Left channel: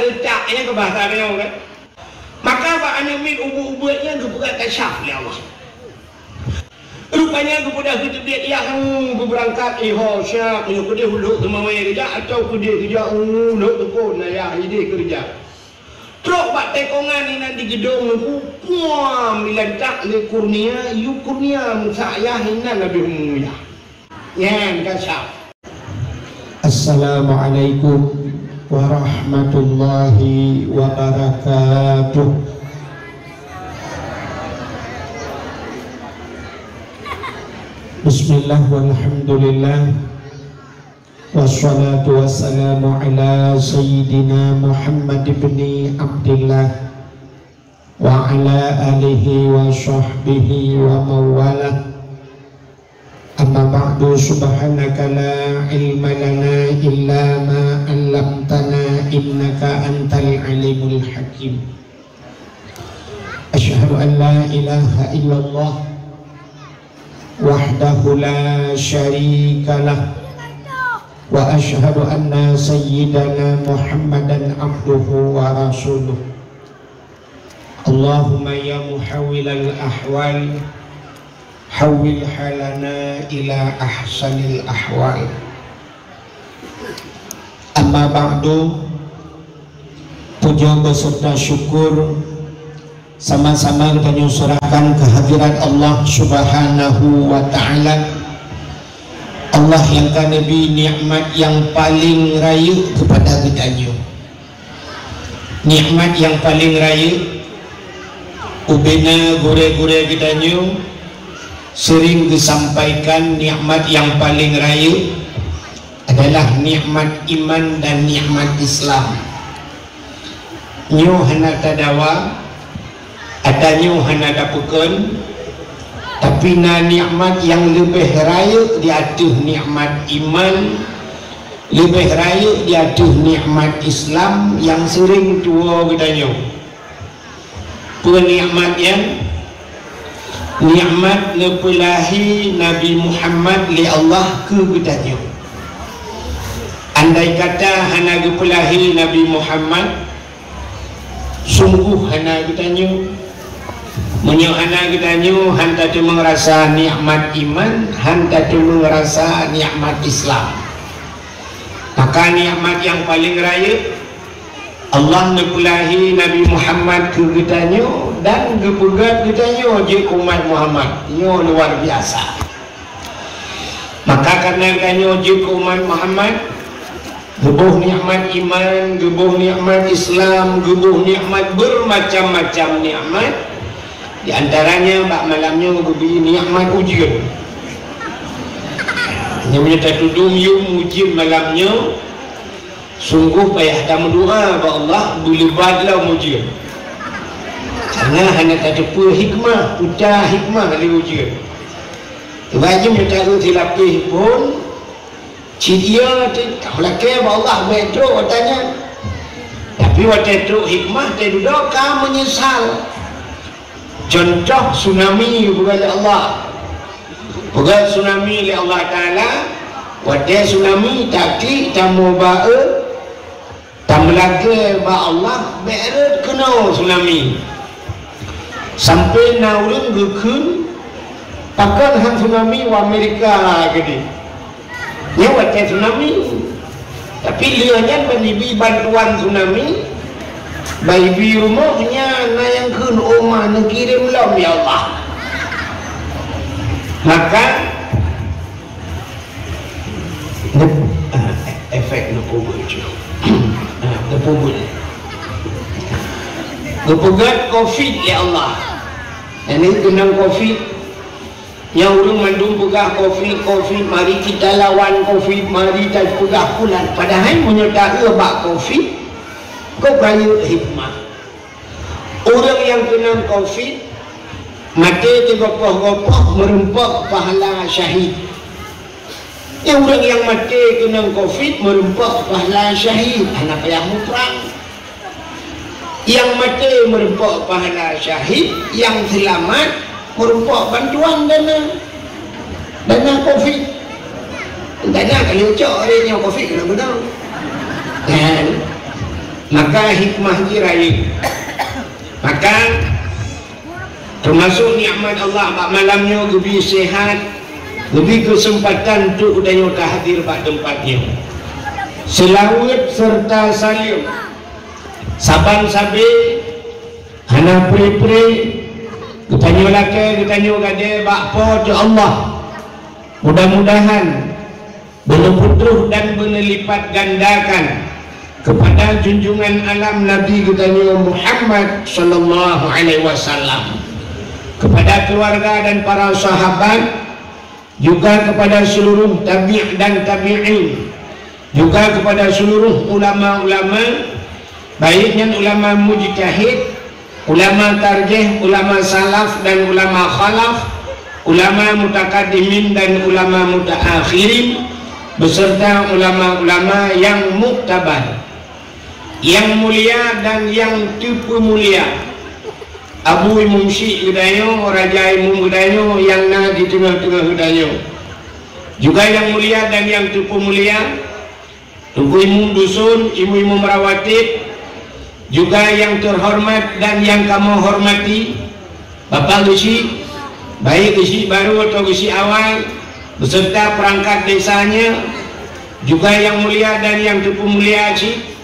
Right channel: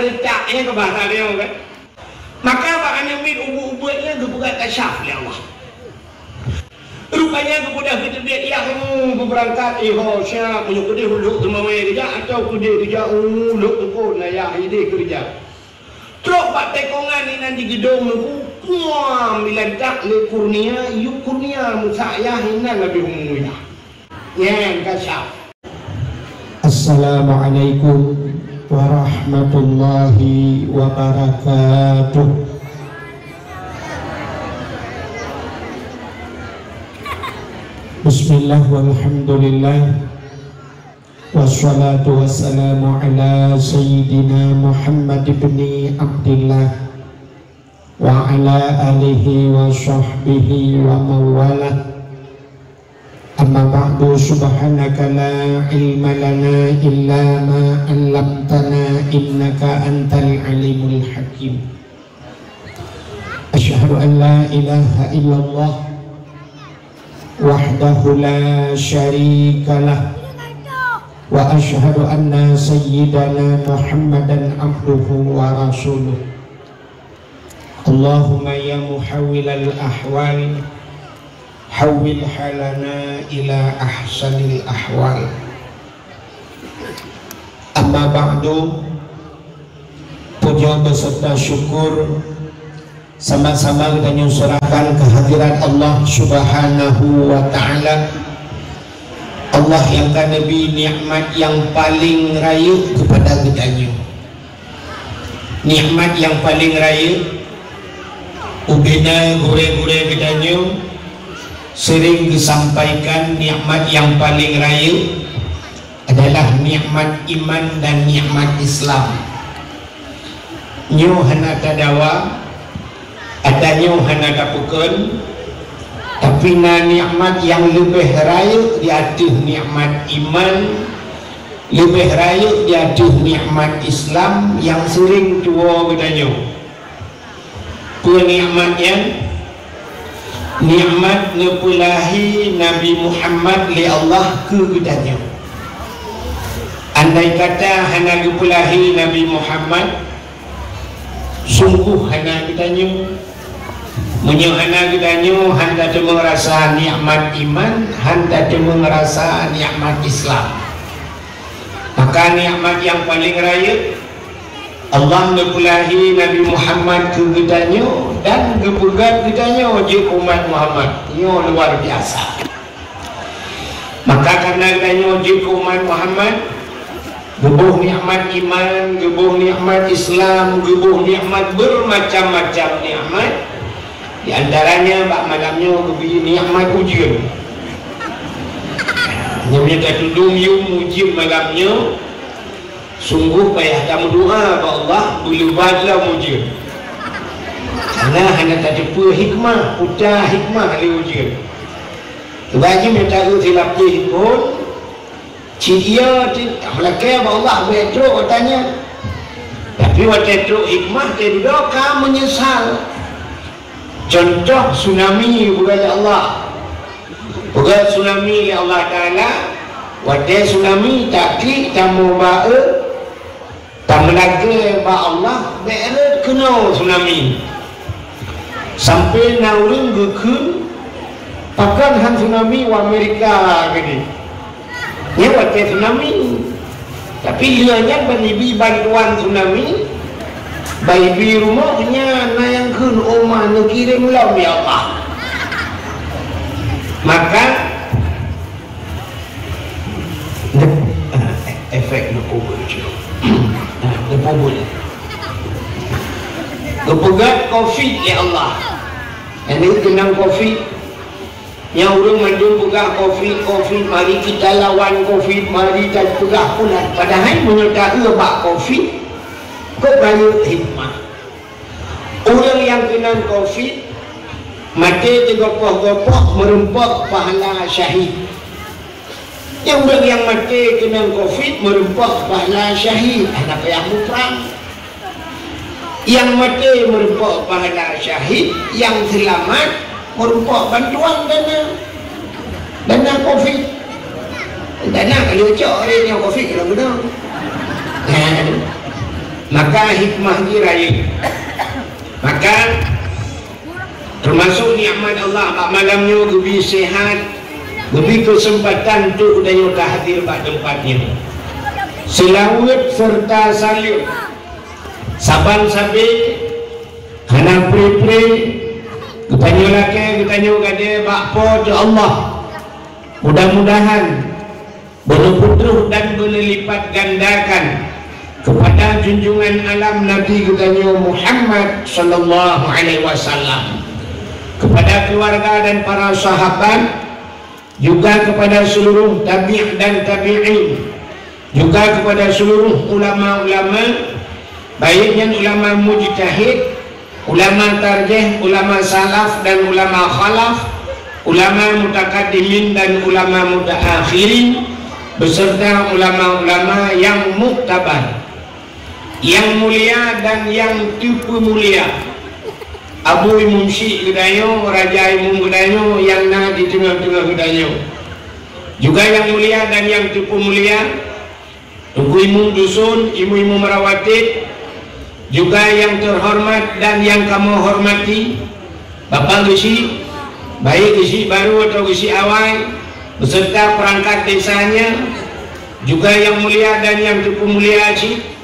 retaknya ke bahasa dia kan. Maka Pak Anemi ubu-ubunya kebuka kasyaf dia. Rupanya kepada kita dia kamu berangkat syah menyukur dia huluk kemamai kerja atau kerja huluk pun layak jadi kerja. Terus Pak tekongan ini nanti gedung puam diletak le kurnia yu kurnia saya hina lebih umumnya. Yang kasyaf. Assalamualaikum warahmatullahi wabarakatuh. Bismillah walhamdulillah wassalatu wassalamu ala sayyidina Muhammad ibn Abdillah wa ala alihi wa sahbihi wa mawalah. Amma ba'du, subhanaka la ilma lana illa ma 'allamtana innaka antal alimul hakim. Asyhadu an la ilaha illallah wahdahu la syarika lah wa asyhadu anna sayyidana Muhammadan abduhu wa rasuluh. Allahumma ya muhawwilal ahwal hawwil halana ila ahsanil ahwal. Amma ba'du, puja beserta syukur sama-sama kita nyusurkan kehadiran Allah subhanahu wa ta'ala. Allah yang kan Nabi nikmat yang paling raya kepada kita. Nikmat yang paling raya ubina gure-gure kita sering disampaikan. Nikmat yang paling raya adalah nikmat iman dan nikmat Islam. Nyu hana tadawa adanya hana dapukun, tapi na nikmat yang lebih raya di atas nikmat iman, lebih raya di atas nikmat Islam yang sering dua bedanya. Dua nikmat yang nikmat nepulahi Nabi Muhammad li Allah ke bedanya. Andai kata hana nepulahi Nabi Muhammad, sungguh hana bedanya. Menyuhana kita hanta tu merasa nikmat iman, hanta tu merasa nikmat Islam. Maka nikmat yang paling raya Allah nepulahi Nabi Muhammad ke kita dan kebugat kita wajib umat Muhammad. Ini luar biasa. Maka karena kita wajib umat Muhammad, gebuh nikmat iman, gebuh nikmat Islam, gebuh nikmat bermacam-macam nikmat. Di antaranya bak malamnya beri nikmat ujian. Namanya tak tudung yung ujian malamnya. Sungguh payah kamu doa kepada Allah dilebatlah ujian. Karena hanya tak ada hikmah, putar hikmah kali ujian. Wajib minta silap pun dia tak belakang Allah metro katanya. Tapi waktu itu hikmah dia doa menyesal. Contoh tsunami bukan Allah, bukan tsunami oleh Allah Ta'ala. Wadah tsunami tapi tamu bae pamelaga ba Allah beret kena tsunami sampai naurun gukun pakan han tsunami di Amerika gede. Ya wadah tsunami tapi lianya beribi bantuan tsunami. Bayi rumahnya yang kun omah nak kirim lam ya Allah. Maka efek lupa juga. Lupa COVID ya Allah. Ini kena COVID. Yang orang mandul buka COVID, mari kita lawan COVID, mari kita buka punan. Padahal menyertai bak COVID. Kau banyak hikmah. Orang yang kena COVID mati tergopoh-gopoh merempak pahala syahid. Yang orang yang mati kena COVID merempak pahala syahid. Anak yang perang. Yang mati merempak pahala syahid, yang selamat merempak bantuan dana COVID. Dana kalau cak yang COVID kadang-kadang. maka hikmah diraih. Maka termasuk nikmat Allah pak malamnya lebih sehat, lebih kesempatan untuk udahnya hadir pada tempatnya. Selawat serta salim saban sabi hana pri-pri katanya laki katanya gade bakpo tu Allah. Mudah-mudahan berputuh dan berlipat gandakan kepada junjungan alam Nabi katanya Muhammad sallallahu alaihi wasallam, kepada keluarga dan para sahabat, juga kepada seluruh tabi' dan tabi'in, juga kepada seluruh ulama-ulama, baiknya ulama mujtahid, ulama tarjih, ulama salaf dan ulama khalaf, ulama mutakaddimin dan ulama mutaakhirin, beserta ulama-ulama yang muktabar, yang mulia dan yang tipu mulia. Abu Imam Syekh Gedayo, Raja Imam Gedayo, yang na di tengah-tengah Gedayo, juga yang mulia dan yang tipu mulia, Ibu Imam Dusun, Ibu Imam Rawatib, juga yang terhormat dan yang kamu hormati, Bapak Gesi, baik Gesi baru atau Gesi awal, beserta perangkat desanya, juga yang mulia dan yang tipu mulia Acik,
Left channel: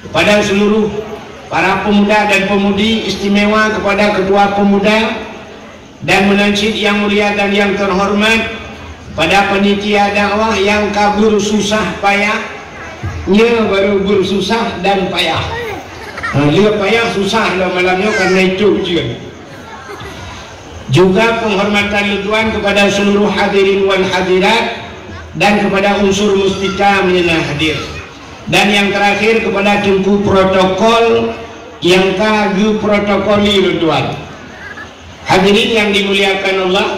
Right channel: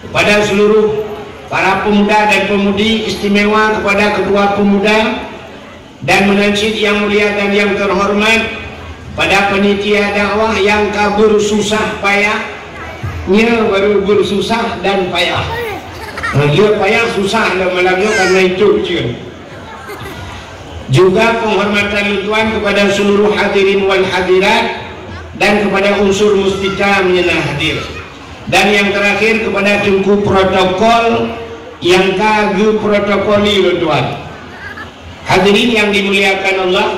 kepada seluruh para pemuda dan pemudi, istimewa kepada ketua pemuda dan munajid yang mulia dan yang terhormat, pada panitia dakwah yang kabur susah payahnya baru bersusah dan payah. Dia payah susah dalam malamnya karena itu ujian. Juga penghormatan Tuhan kepada seluruh hadirin wal hadirat dan kepada unsur mustika menyenang hadir. Dan yang terakhir kepada tungku protokol yang kagu protokoli Tuhan. Hadirin yang dimuliakan Allah,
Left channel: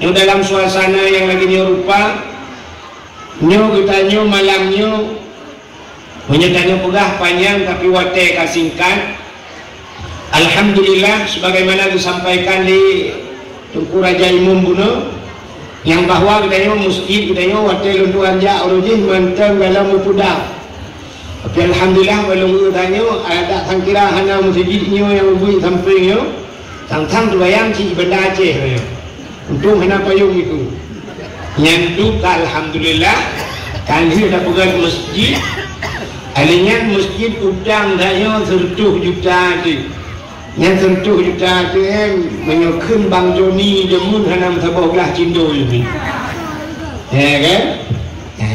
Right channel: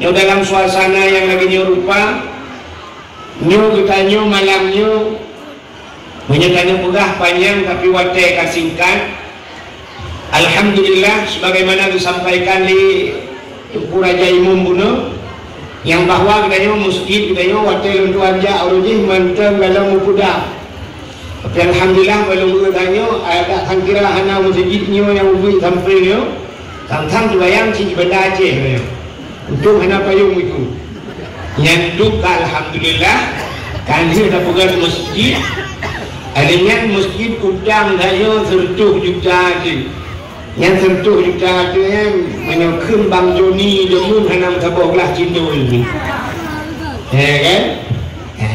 yang dalam suasana yang lagi rupa, nyu kita nyu malam nyu menyatakan pegah panjang tapi wate kasingkat. Alhamdulillah sebagaimana disampaikan di Tuku Raja Imam Buno, yang bahwa kita masjid kita wate lunduan ja alujih mantap dalam muda. Tapi alhamdulillah walau tanya ada kan kira hana masjidnya yang lebih sampingnya tang bayang si benda Aceh ya. Untung hana payung itu. Nyanduk alhamdulillah kan dia dah pegang masjid. Alingan masjid udang daya 100 juta tu. Yang 100 juta tu yang menyokong Bang Joni jemun hana sabah belah Cindo ini. Ya kan?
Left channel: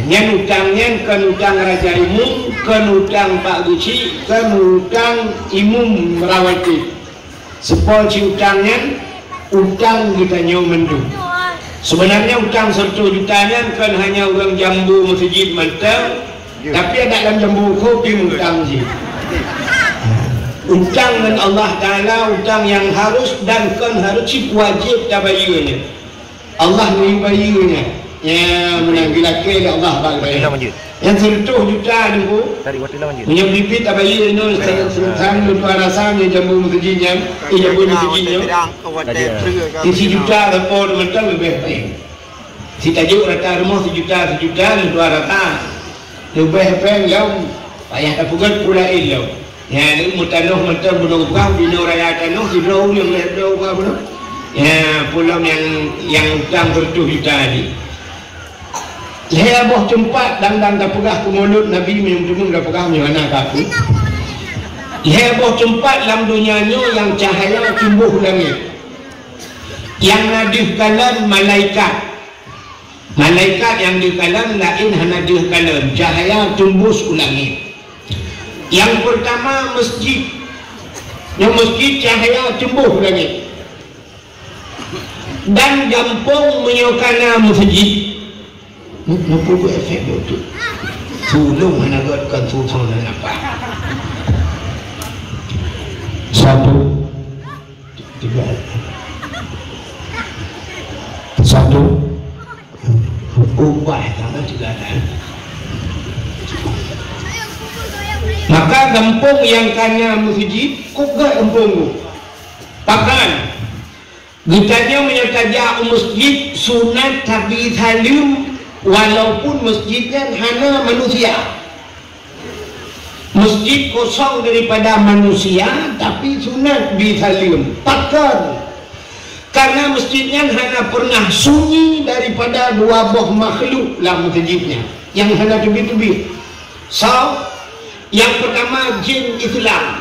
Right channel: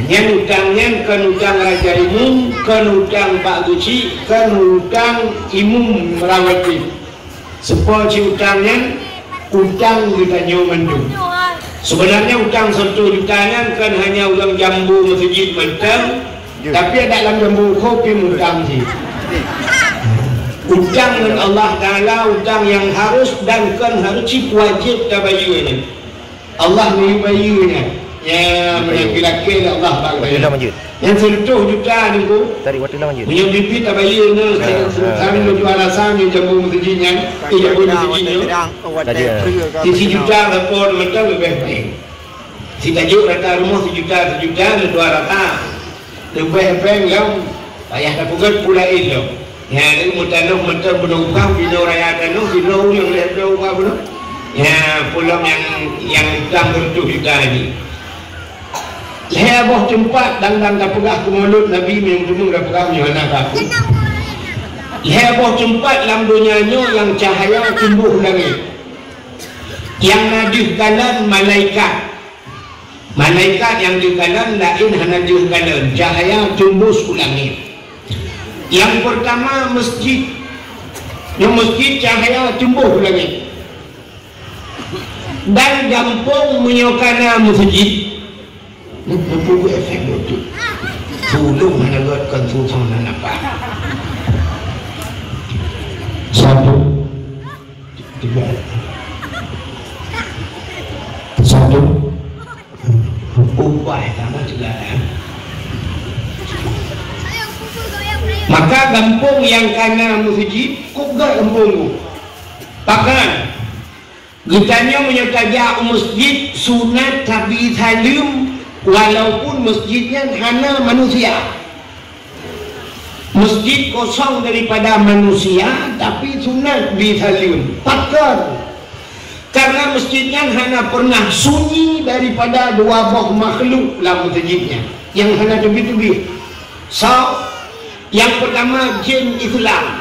Yang utangnya kan utang Raja Imam, kan utang Pak Guci, kan utang Imam Merawati. Sepol si utangnya, utang kita nyomendu. Sebenarnya utang 100 jutanya kan hanya orang jambu masjid mentang, tapi ada dalam jambu kopi utang sih. Utang dengan Allah Ta'ala, utang yang harus dan kan harus wajib tabayunya. Allah menbayunya. Ya, menakil Allah bagaya. Yang 100 juta itu punya bibi tabayun sekarang itu alasannya jambu masjidnya, tidak boleh masjidnya. Isi juta lapor betul lebih. Si tajuk rata rumah sejuta dua rata. Lebih yang ayah dapat pula itu. Ya, ini mutanoh mutan berubah di raya tanoh di yang lebih berubah belum. Ya, pulang yang utang 100 juta ini. Heboh tempat dan tak pegah ke mulut Nabi minum dah pegah anak aku. Heboh tempat dalam dunianya yang cahaya tumbuh langit. Yang nadih kalam malaikat. Malaikat yang di kalam lain nadih kalam, cahaya tumbuh ke langit. Yang pertama masjid. Yang masjid cahaya tumbuh langit. Dan gampang menyokana masjid. Mempunyai efek itu. Sulung mana buatkan susah mana apa? Satu, tiga, satu, ubah karena tidak ada. Maka gampang yang kena masjid, ubah gampang. Pakan. Gitanya menyatakan masjid sunat tapi halim. Walaupun masjidnya hanya manusia. Masjid kosong daripada manusia, tapi sunat disaliun pakar. Karena masjidnya hanya pernah sunyi daripada dua buah makhluk dalam masjidnya, yang hanya tubi-tubi. So, yang pertama jin Islam.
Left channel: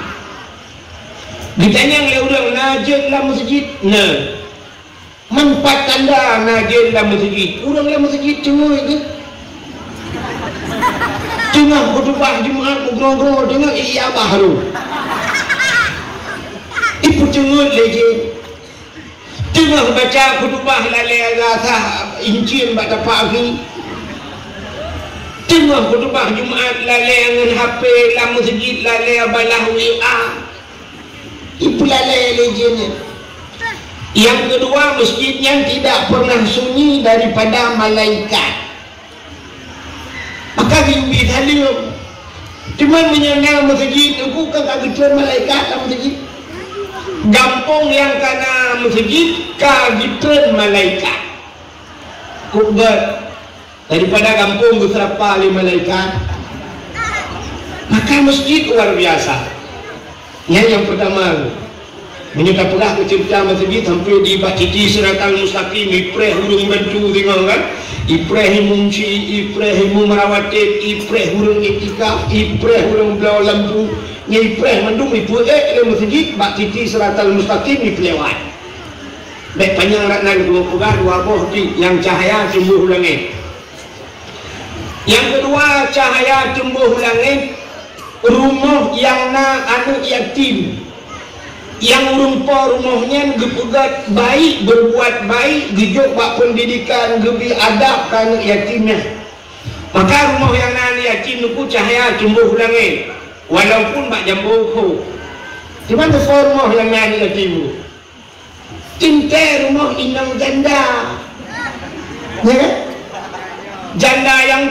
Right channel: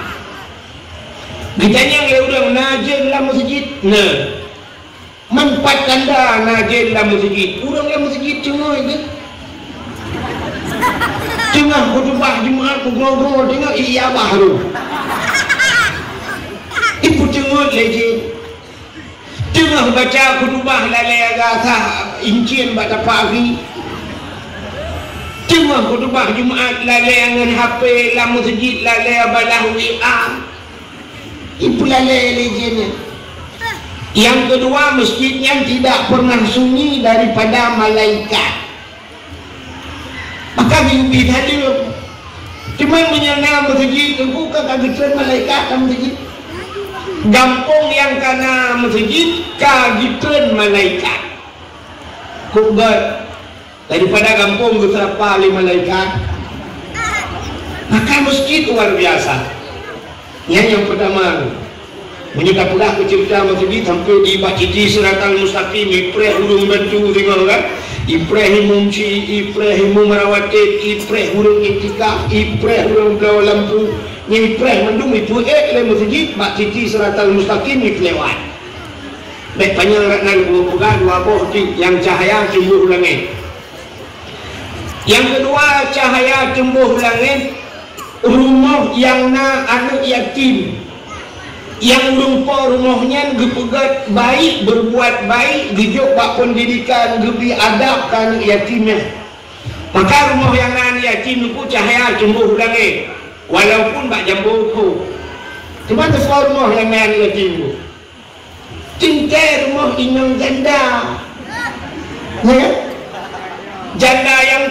Ditanya oleh orang, nah jin dalam masjid? Nah, empat tanda nah jin dalam masjid. Orang dalam masjid cuma itu. Tengah khutbah Jumaat bergerak-gerak tengok iya baru. Ibu tengok lagi. Tengah baca khutbah lalai rasa incin baca pagi. Tengah khutbah Jumaat lalai dengan HP dalam masjid lalai balah WA. Ibu lalai lagi ni. Yang kedua, masjidnya tidak pernah sunyi daripada malaikat. Maka mimpi hadir. Cuma menyangka masjid itu kan kagak malaikat dalam masjid. Gampung yang kena masjid kagak malaikat. Kubat daripada kampung betapa kali malaikat. Maka masjid luar biasa. Yang pertama, ini tak pernah cerita masjid sampai di Baciti Siratal Mustaqim Ipreh hurung bantu tengok kan. Ipreh munci, Ipreh merawatib, Ipreh hurung etika, Ipreh hurung belau lampu, ni Ipreh mendung itu le masjid Baciti Siratal Mustaqim lewat. Baik panjang nak naik pegang dua buah yang cahaya tumbuh langit. Yang kedua, cahaya tumbuh langit, rumah yang na anu yatim. Yang rumpah rumahnya dipegat baik, berbuat baik, dijuk bak pendidikan, diberi adab kan yatimnya. Maka rumah yang nan yatim itu cahaya tumbuh langit, walaupun bak jambu. Cuma besar rumah yang nan yatim. Cinta rumah inang janda. Ya? Janda yang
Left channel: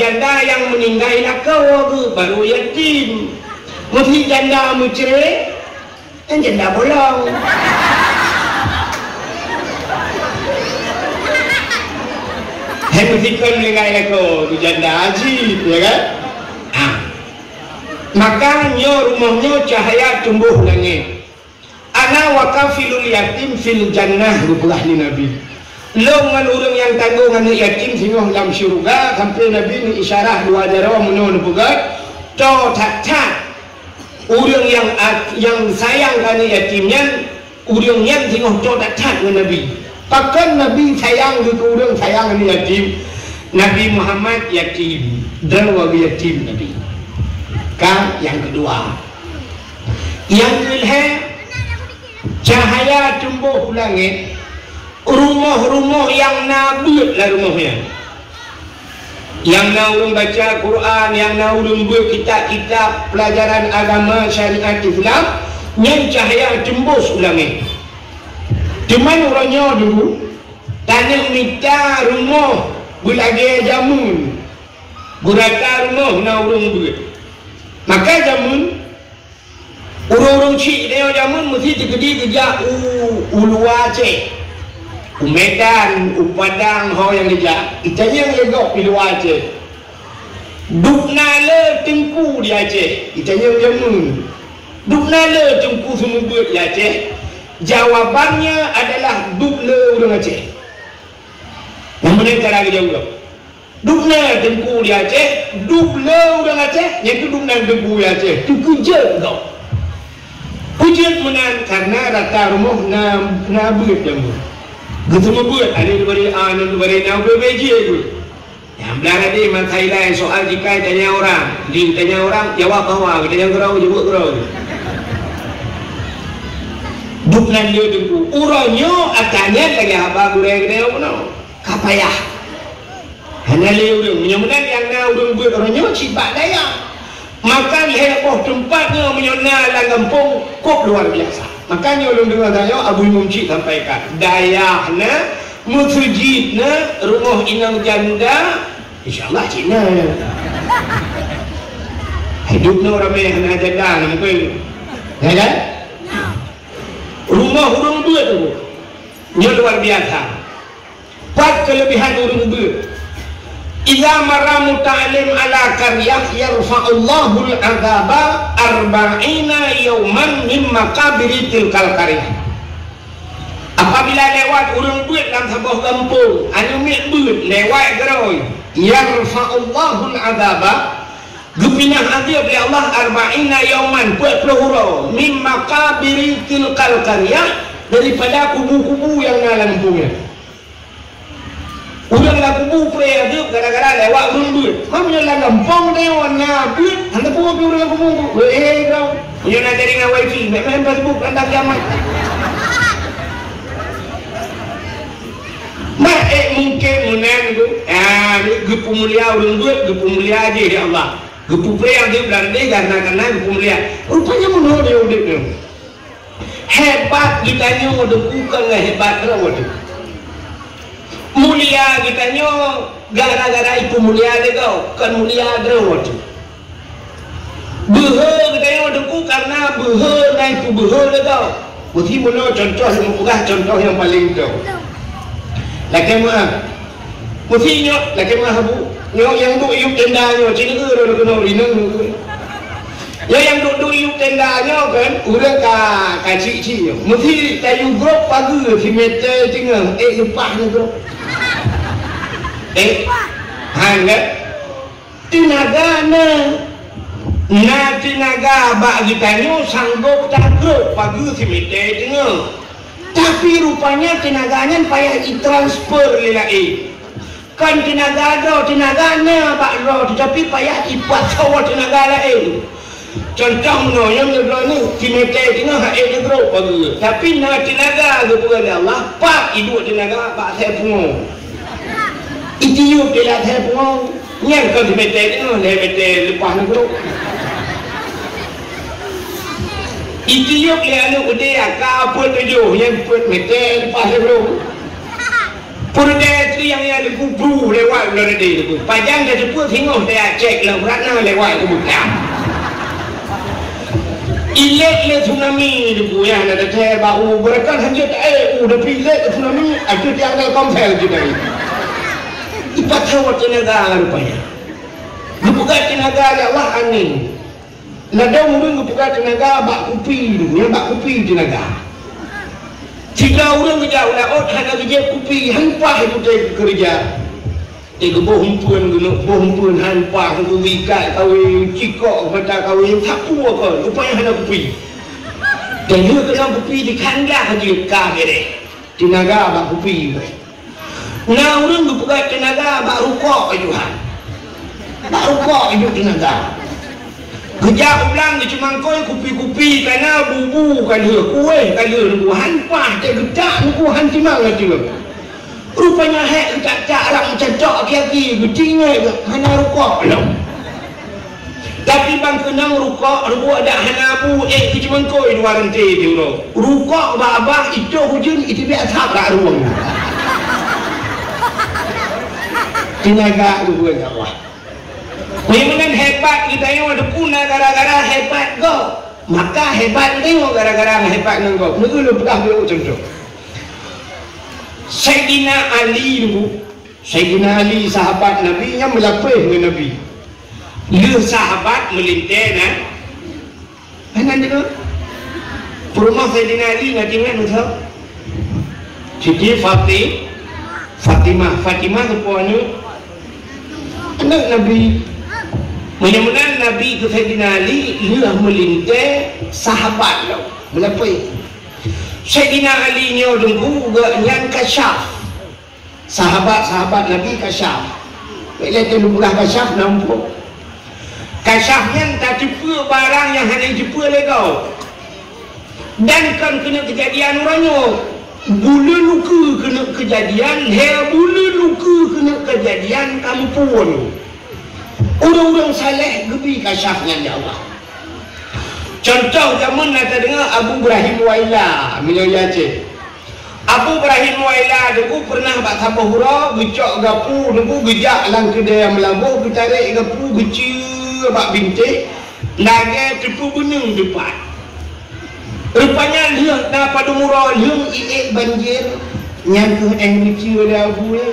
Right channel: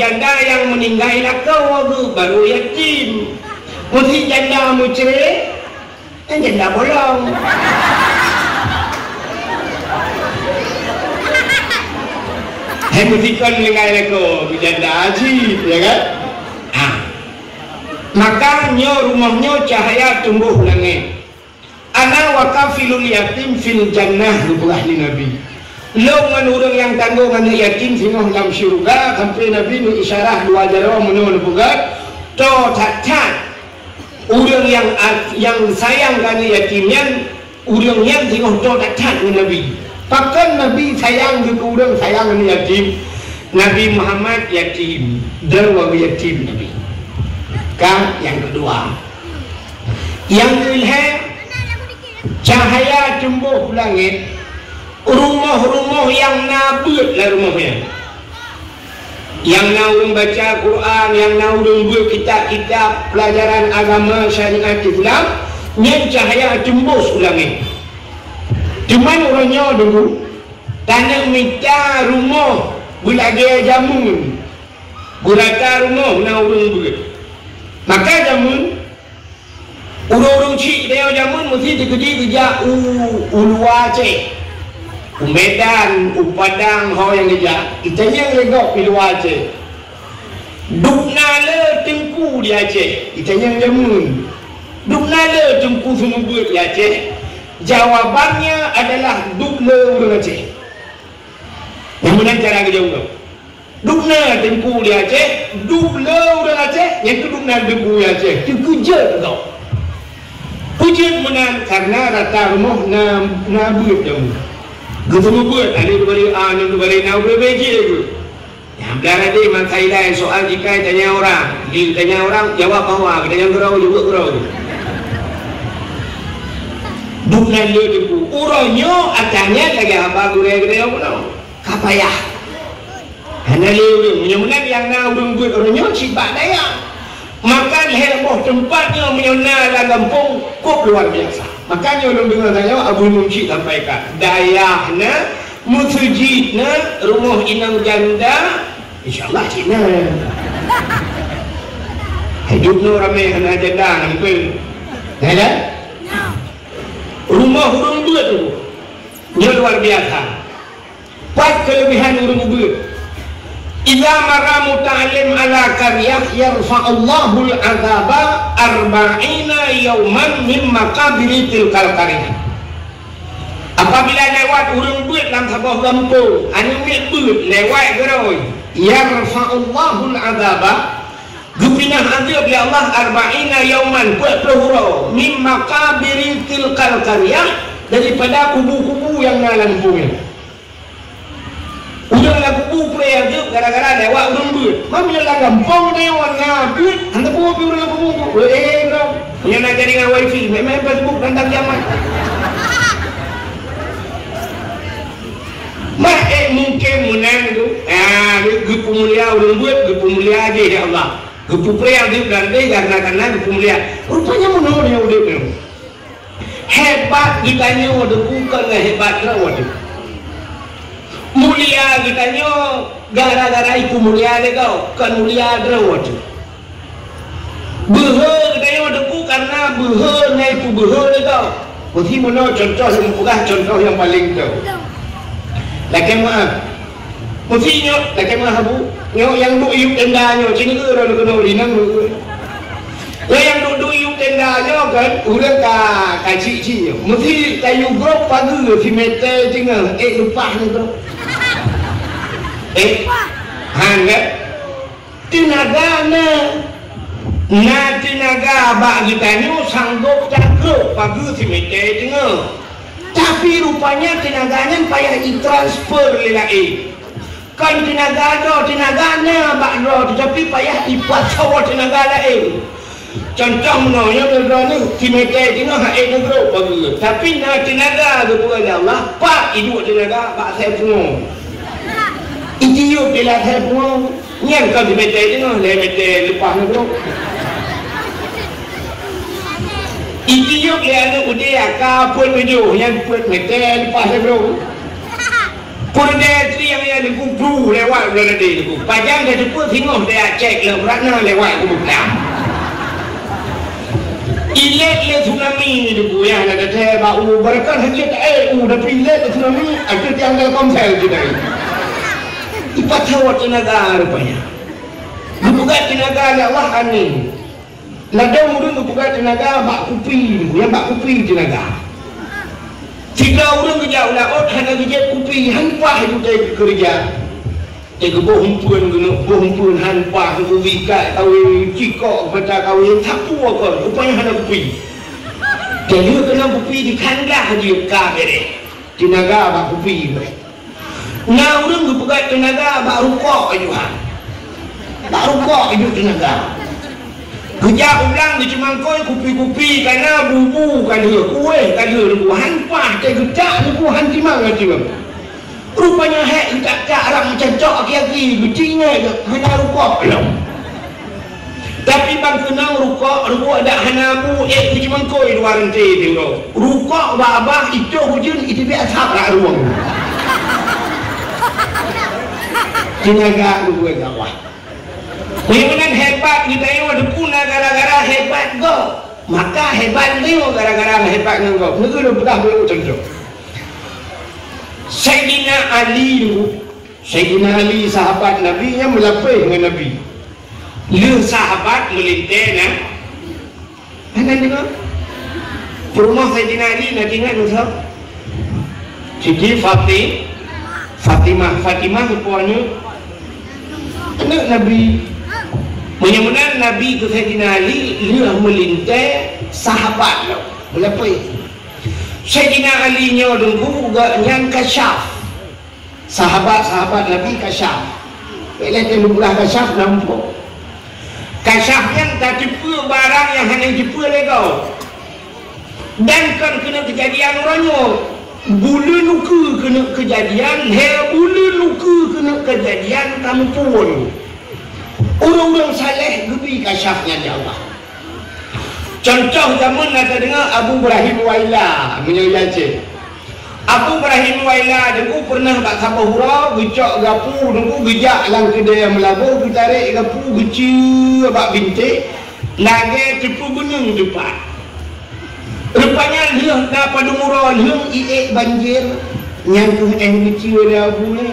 janda yang meninggal lakau baru yatim. Mesti janda mucere. Janda bolong. Hemfikon dengan aku janda haji, ya kan? Makanya rumahnya cahaya tumbuh langit. Ana wakafilul yatim fil jannah dibuah ni Nabi. Lo menurut yang tanggung anak yatim sehingga dalam syurga sampai Nabi ni isyarah dua jarawa menurut bugat. Kau tak orang yang sayang kerana yatimnya, orang yang tengok tu datang dengan Nabi. Pakan Nabi sayang dengan orang sayang dengan yatim. Nabi Muhammad yatim, darwa yatim Nabi. Kan yang kedua. Yang kedua, cahaya tumbuh langit. Rumah-rumah yang nabi lah rumahnya. Yang nak orang baca Quran, yang nak orang berkitab-kitab pelajaran agama syariat Islam, yang cahaya tembus langit. Cuma orangnya dulu tanah minta rumah berlagi jamun, berata rumah nak orang ber. Maka jamun orang-orang cik dia jamun mesti kerja ulu Aceh. Medan, Padang, orang yang kerja. Itanya yang legok di luar Aceh. Duknala tengku di Aceh. Itanya yang jamun. Duknala tengku semubut di Aceh. Jawabannya adalah dukla orang Aceh. Yang mana cara jawab? Dukna tengku di Aceh, dukla orang Aceh, yang itu dukna tengku di Aceh. Itu puja tau. Puja menang karena rata rumah nabut jamun. Gubernur buat ada diberi A dan diberi nak berbeza je. Yang belah tadi makai lain soal jika tanya orang, tanya orang jawab bahawa tanya kurau jawab kurau. Bukan dia dulu. Urangnya akannya kaya apa gurau-gurau pun. Kapayah. Hanya leu menyemenang yang nak urang buat orangnya sibak daya. Makan heboh tempatnya menyena dalam kampung kok luar biasa. Makanya orang dengar saya Abu Munci sampaikan dayahna musjidna rumah inang janda insyaallah Cina hidupnya ramai kena janda ni pun ya kan rumah orang dua tu ni luar biasa. Empat kelebihan orang dua. Idza maramu ta'lim ala qaryah yarfa'allahu al-'adzaba 40 yawman min maqabiri tilkal qaryah. Apabila lewat urang buat dalam sebuah kampung, anu mek buat lewat geroi, yarfa'allahu al-'adzaba Gupinah azab ya Allah 40 yauman buat pelahura min maqabiri tilkal qaryah, daripada kubu-kubu yang dalam bumi. Udah lah kubu pelahara gara-gara lewat berdut. Namanya lah gampang dia warna berdut. Ada kubu orang kubu. Bro. Yang nak jadi dengan wifi, memang Facebook tentang zaman. Mungkin menang itu. Gupu mulia orang buat, gupu mulia aja ya Allah. Gupu pelahara dia berada karena gupu mulia. Rupanya menang dia udah. Hebat kitanya udah bukanlah hebat rawat. Mulia kitanya gara-gara itu mulia deh kan mulia rawat. Buhur kitanya udah bukan karena buhurnya itu buhur deh kau. Mesti mana contoh yang paling jauh. Lagi maaf. Mesti nyok lagi maaf bu. Nyok yang bu iup tendanya sini ke orang kena linang bu. Yang duduk iup tendanya kan udah kacik-cik. Mesti kayu grup pagi si meter tengah. Lupa ni tu. Hanya tenaga na tenaga abak kita ni sanggup tak grup pagi si meter tengah. Tapi rupanya tenaganya payah ditransfer lelaki. Kan tenaga tenaganya abak roh, tetapi payah dipasau tenaga lain. Contoh menurutnya ni meter tengah haid grup pagi. Tapi na tenaga tu kepada Allah, pak hidup tenaga pak saya semua. Itiup dia saya semua. Yang kan si meter tengah, meter lepas ni grup. Itiup dia anu dia kapal tujuh yang buat meter lepas bro. Purda yang ada kubu lewat bulan dia tu. Pajang dah jemput tengok dia cek lah mana lewat kubu dah. Ilet tsunami ni tu yang ada dia baru berkat hanya tak dah pilih tsunami ada yang dalam sel juga. Cepat tahu tenaga rupanya. Bukan tenaga Allah amin. Nada orang juga tenaga bak kupi tu, yang bak kupi tenaga. Jika orang kerja ulah hanya kerja kupi, hampa itu dia kerja. Boh himpun hampa tu wikat kau cikok kata kau sapu ke, rupanya hanya kupi. Dan dia dalam kupi di kandang dia kagere. Tenaga bak kupi. Nah orang juga tenaga bak rukuk juga. Bak rukuk itu tenaga. Kerja ulang di cemangkoi kupi-kupi karena bubu kan dia kuih kan dia dulu hanpah tak gejak bubu hanti mana tu. Rupanya hek tak orang macam cok lagi becinya hanya rukuk lah. Tapi bang kenang rukuk ada hanya bu di cemangkoi dua rantai tu. Rukuk babah itu hujan itu biasa tak ruang. Tenaga dua Allah. Dengan hebat kita yang ada guna gara-gara hebat go. Maka hebat tengok gara-gara hebat go. Mungkin lu pernah dulu contoh. Sayyidina Ali sahabat Nabi yang melapih dengan Nabi. Lu sahabat melintena. Mana dia? Rumah Sayyidina Ali nak tinggal nusa. Siti Fatimah rupanya anak Nabi. Mudah-mudahan Nabi itu Sayyidina Ali dia melintai sahabat melapih. Sayyidina Ali ni orang yang kasyaf. Sahabat Nabi kasyaf. Bila dia mula kasyaf nampak. Kasyafnya tak jumpa barang yang hanya jumpa legal. Dan kan kena kejadian orangnya. Bulu luka kena kejadian, bulu luka kena kejadian kampung. Orang-orang saleh lebih kasyafnya dia Allah. Contoh zaman ada dengar Abu Ibrahim Waila menyayat. Abu Ibrahim Waila dulu pernah buat sampai hura, gecak gapu, dulu gejak lang kedai yang melabuh, ditarik gapu, gecil, bak bintik, naga tepu gunung depan. Rupanya dia tak pada murah, dia banjir, nyangkuh gecil dia Abu ni.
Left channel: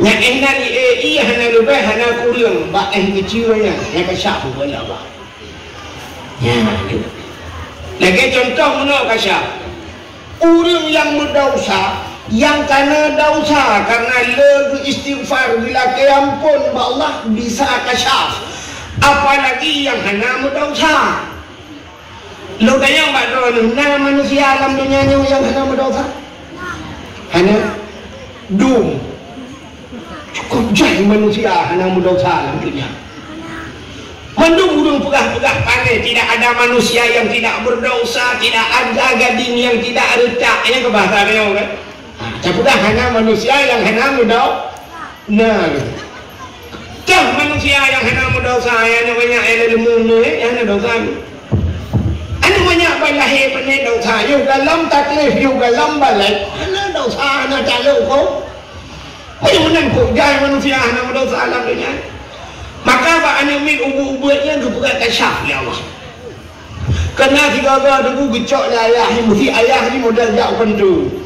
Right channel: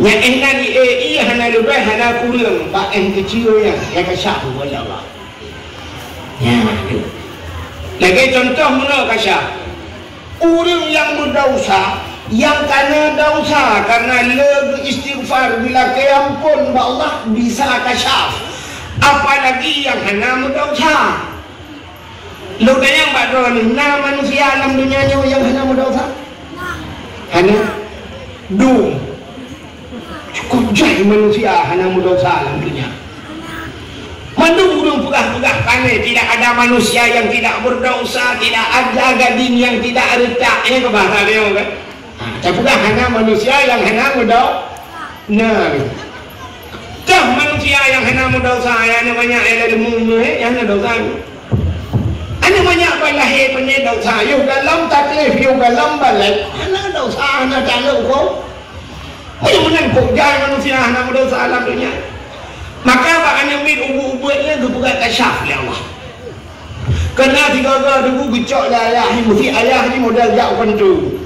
Nya enan iya hana lebih hana kurang ba kecilnya ya kasah oleh Allah. Ya tu. Lagi contoh mana kasah? Orang yang berdosa, yang karena dosa, karena lebih istighfar bila keampun ba Allah bisa kasah. Apalagi yang hana berdosa. Lo bayang pak doa manusia alam dunia yang hana berdosa. Hana dum. Cukup jahil manusia hanya berdosa tentunya. Mandung pegah-pegah pandai, tidak ada manusia yang tidak berdosa, tidak ada gading yang tidak retak. Ini ke bahasa dia kan? Cepegah hanya manusia yang hanya berdosa. Nah, cah manusia yang hanya berdosa, yang banyak ilmu yang hanya dosa. Ada banyak balai punya dosa. Yuk dalam taklif, yuk dalam balik, hanya dosa, hanya calon kau. Ini menangkuk jangan manusia anak berdosa alam dunia. Maka pak anak min ubu-ubunya kebuka kasyaf ya Allah. Kerana tiga-tiga dulu gecok lah ayah ni, mesti ayah ni modal jauhkan tu.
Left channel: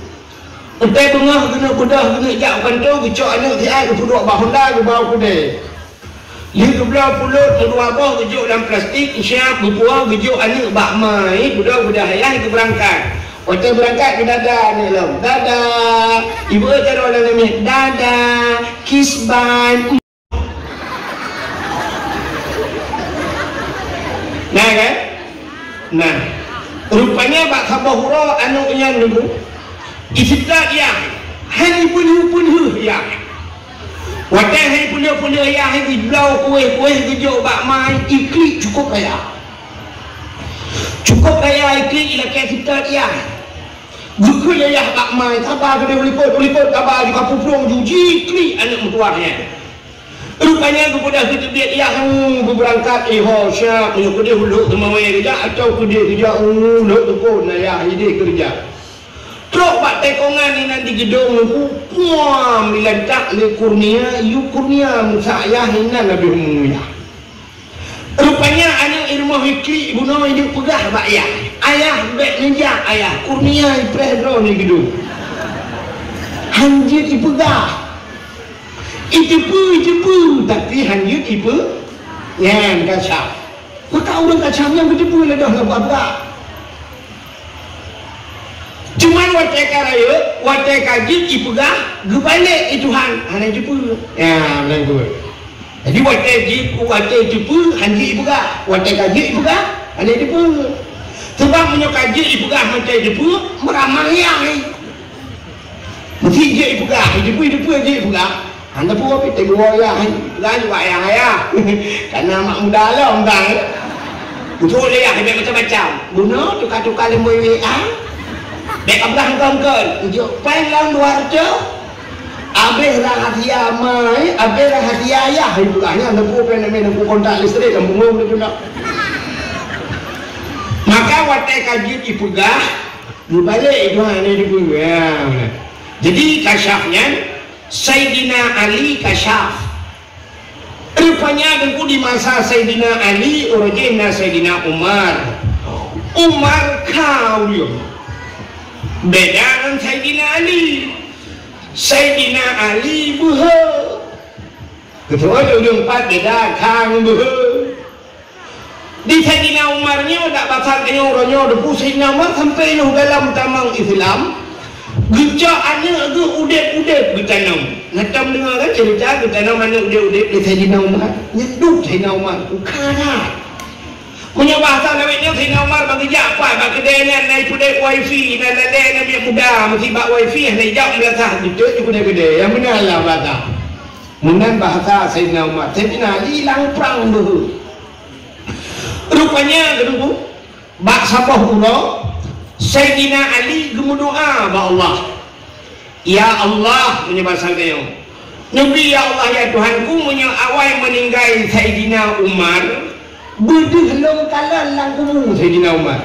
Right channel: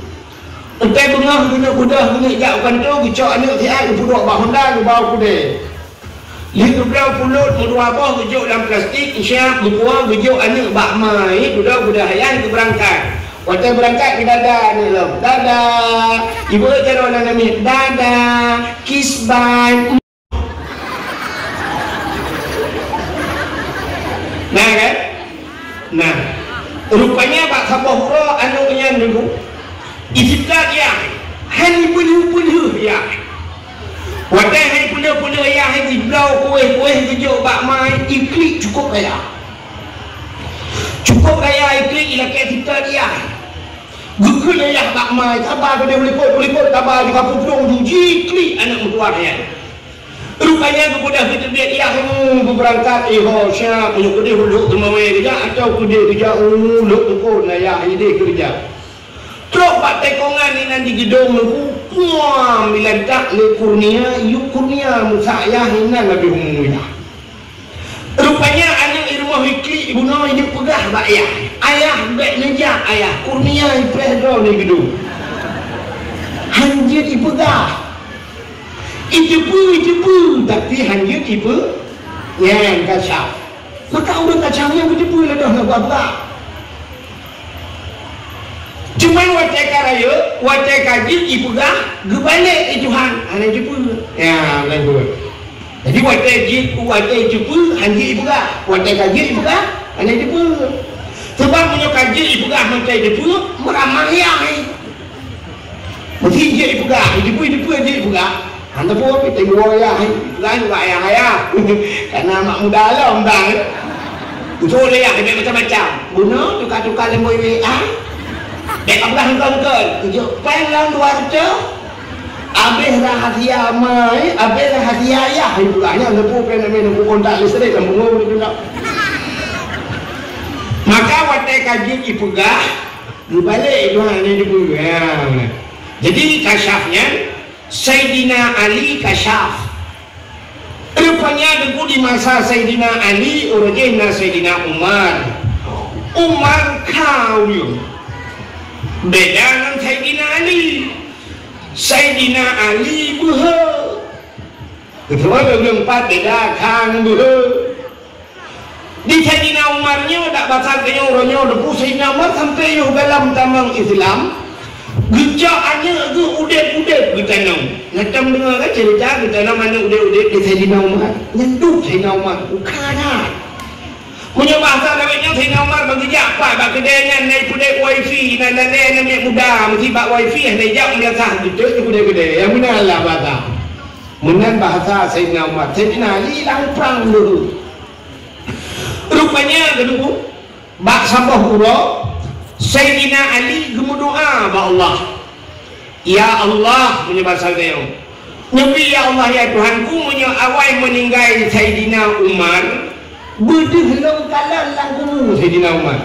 Utai tengah guna kuda guna jauhkan tu, gecok anak dia kepuduk bak Honda ke bawah kuda. Dia belah pulut kedua bawah gecok dalam plastik, isyak berkuah gecok anak bak mai, kuda hayat ke berangkat. Waktu berangkat ke dadah ni lah. Dadah. Ibu cara orang ambil dadah. Kiss bye. Nah kan? Nah. Rupanya Pak Sabah Hura anaknya dulu. Istilah dia. Hani penuh-penuh ya. Waktu hani penuh-penuh ya. Hani belau kuih-kuih kejauh Pak Mai. Iklik cukup kaya. Cukup kaya iklik ialah kita dia. Bukan ayah Pak Mai, apa benda berikut kabar di kampung Pulang Juji, klik anak berkeluarnya. Rupanya kepada kita biar ia kamu berangkat, siap, dia huluk kemamai kerja, atau dia kerja, huluk tukun, ayah, dia kerja. Terus Pak Tekongan ni nanti gedung aku, puan, bila tak le kurnia, you kurnia, musa ayah, ini lebih umumnya. Rupanya anak rumah wikli ibu nama dia pegah pak ayah. Ayah baik menjak ayah. Kurnia iprah ni gedung. Hanjir ibu pegah. Itu tapi hanjir ibu yang kacau. Maka orang kacau yang itu pun dah apa-apa. Cuma watai karaya, watai kaji ibu pegah, gebalik itu han, anak ibu. Ya, anak ibu. Jadi watai tipu hanji ibu kah, watai kaji ibu kah, hanya tipu. Sebab punya kaji ibu kah, watai tipu meramai yang. Mesti je ibu kah, tipu je ibu kah. Anda pun apa tengok orang, kan wayang ayah. Karena mak muda lah undang. Betul dia ada macam-macam. Bunuh tukar-tukar lima WA. Dek abah engkau, tujuh pen lawan 200. Habis rahasia mai, habis rahasia ayah. Hari pulangnya lepu pen kontak listrik dan bunuh juga. Maka watai kaji ipugah, dibalik itu hanya dibuang. Jadi kasyafnya Sayyidina Ali kasyaf. Rupanya dulu di masa Sayyidina Ali, urujina Sayyidina Umar. Umar kau dia. Beda dengan Sayyidina Ali. Sayyidina Ali buha. Ketua beliau 4 beda kang buha. Di Sayyidina Umarnya tak baca kanya orangnya ada Sayyidina Umar sampai yang dalam tanang Islam. Gejak anak tu udet-udet bertanam. Macam dengar kan cerita bertanam anak udet-udet di Sayyidina Umar. Nyenduk Sayyidina Umar. Bukanlah. Punya bahasa namanya Sayyidina Umar bagi apa? Bagi dia naik pudek wifi dan ada yang muda mesti bak wifi naik jam biasa gitu itu gede-gede. Yang mana lah bahasa? Mengan bahasa Sayyidina Umar. Sayyidina Ali lang perang dulu. Rupanya dulu bak sambah hura Sayyidina Ali gemudoa ba Allah. Ya Allah punya bahasa dia. Nabi ya Allah ya Tuhanku punya awal meninggal Sayyidina Umar. Buduh long kalan lagu Sayyidina Umar.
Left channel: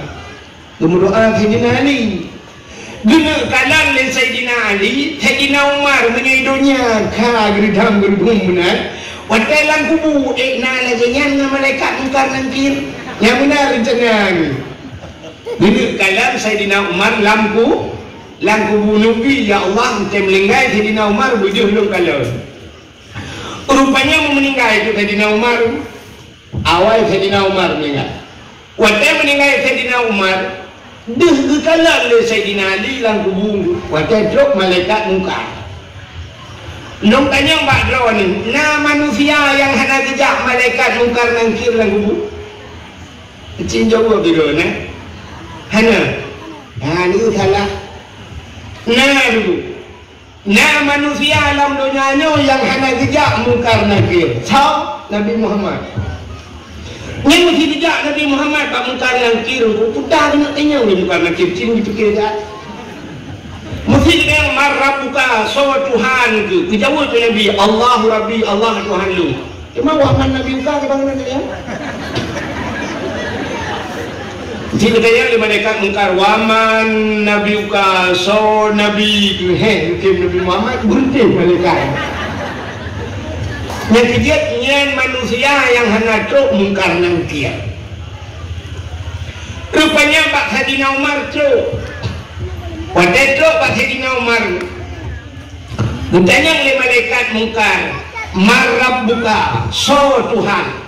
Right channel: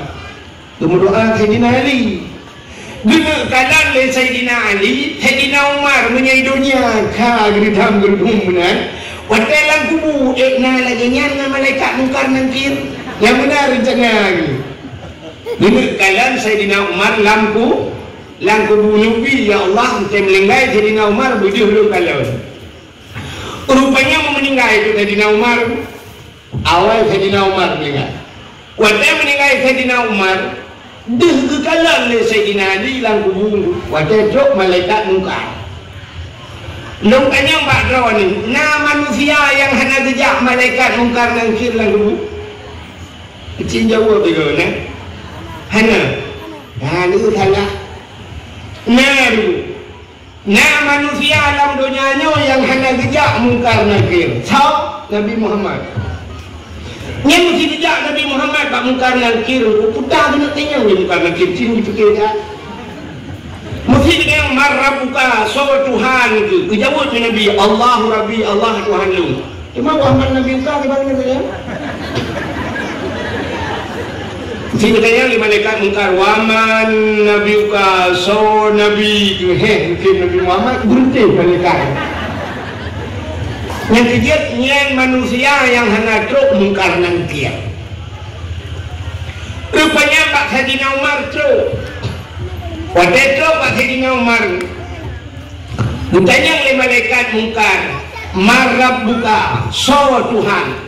Gemudoa Sayyidina Ali. Guna kalan le Sayyidina Ali, Sayyidina Umar menyaidnya ka geridam gerudum benar. Watalan kubu ekna lagi nyan malaikat mungkar nangkir. Yang benar rencana ni. Guna kalan Sayyidina Umar lampu bunyubi ya Allah meninggal Sayyidina Umar buduh long kalan. Rupanya mau meninggal itu Sayyidina Umar. Awal Sayyidina Umar meninggal. Waktu meninggal Sayyidina Umar, dihekalan oleh Sayyidina Ali lang kubur. Waktu jok malaikat munkar. Nung tanya Pak Drawan ini, nah manusia yang hanya kejak malaikat munkar nangkir lang kubur. Kecil jawab juga, nah. Hana. Nah, itu salah. Nah, dulu. Nah, manusia dalam dunianya yang hanya kejak munkar nangkir. So, Nabi Muhammad. Yang mesti kejak Nabi Muhammad Pak munkar nangkir. Sudah nak tanya ni munkar nangkir. Cium cikir tak? Mesti kita yang marah buka. So, Tuhan itu. Dijawab tu Nabi. Allahu Rabbi, Allah Tuhan lu. Cuma wahman Nabi buka ke bang Nabi kan? Sini tanya oleh malaikat mungkar waman Nabi uka so Nabi itu mungkin Nabi Muhammad berhenti malaikat. Yang kejadiannya manusia yang hanya truk mungkar nangkir. Rupanya Pak Sayyidina Umar truk. Pada truk Pak Sayyidina Umar bertanya oleh malaikat mungkar marab buka so Tuhan.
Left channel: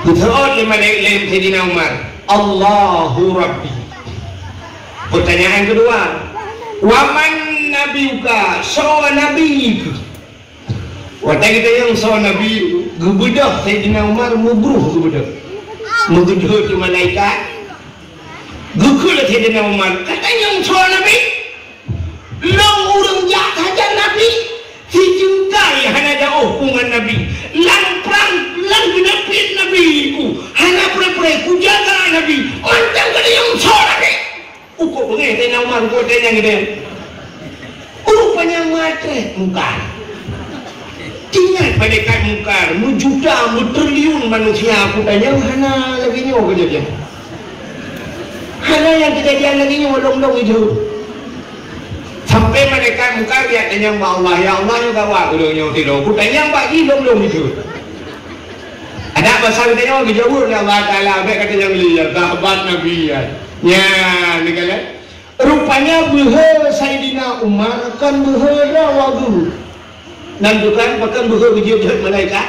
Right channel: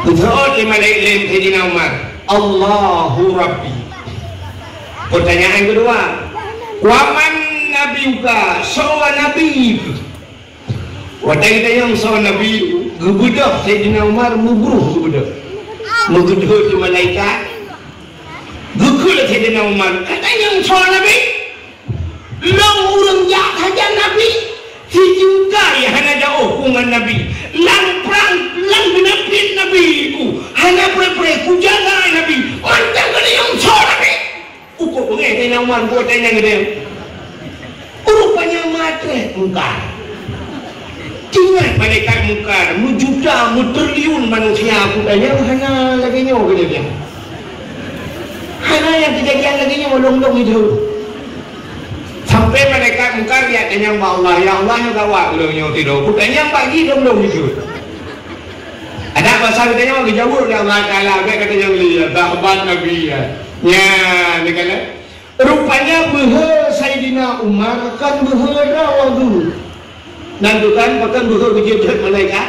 Berdoa oleh malaikat Sayyidina Umar, Allahu Rabbi. Pertanyaan kedua, waman nabiuka, sawa nabi. Waktu kita yang sawa nabi, gubudah Sayyidina Umar mubruh gubudah. Mubruh tu malaikat. Gubudah Sayyidina Umar, kata yang sawa nabi, long urang jak saja nabi. Si juga ya hanya jauh dengan nabi. Perang binapit nabi itu. Hanya perang kujaga nabi. Mantap kali yang sawa nabi. Ukur pengen Sayyidina Umar buat tanya dia. Rupanya mati mungkar. Tinggal malaikat mungkar. Mujuta, mutriliun manusia. Aku tanya hanya lagi nyawa kejadian. Hanya yang kejadian lagi nyawa long-long itu. Sampai malaikat mungkar dia tanya mbak Allah, ya Allah yang bawa belum tidur. Aku tanya pagi belum itu. Ada pasal tanya bagi jawab ni Allah Taala. Apa kata yang lihat sahabat Nabi ya. Ya, ni kala. Rupanya buha Sayyidina Umar kan buha rawadu. Nandukan bahkan buha berjujur malaikat.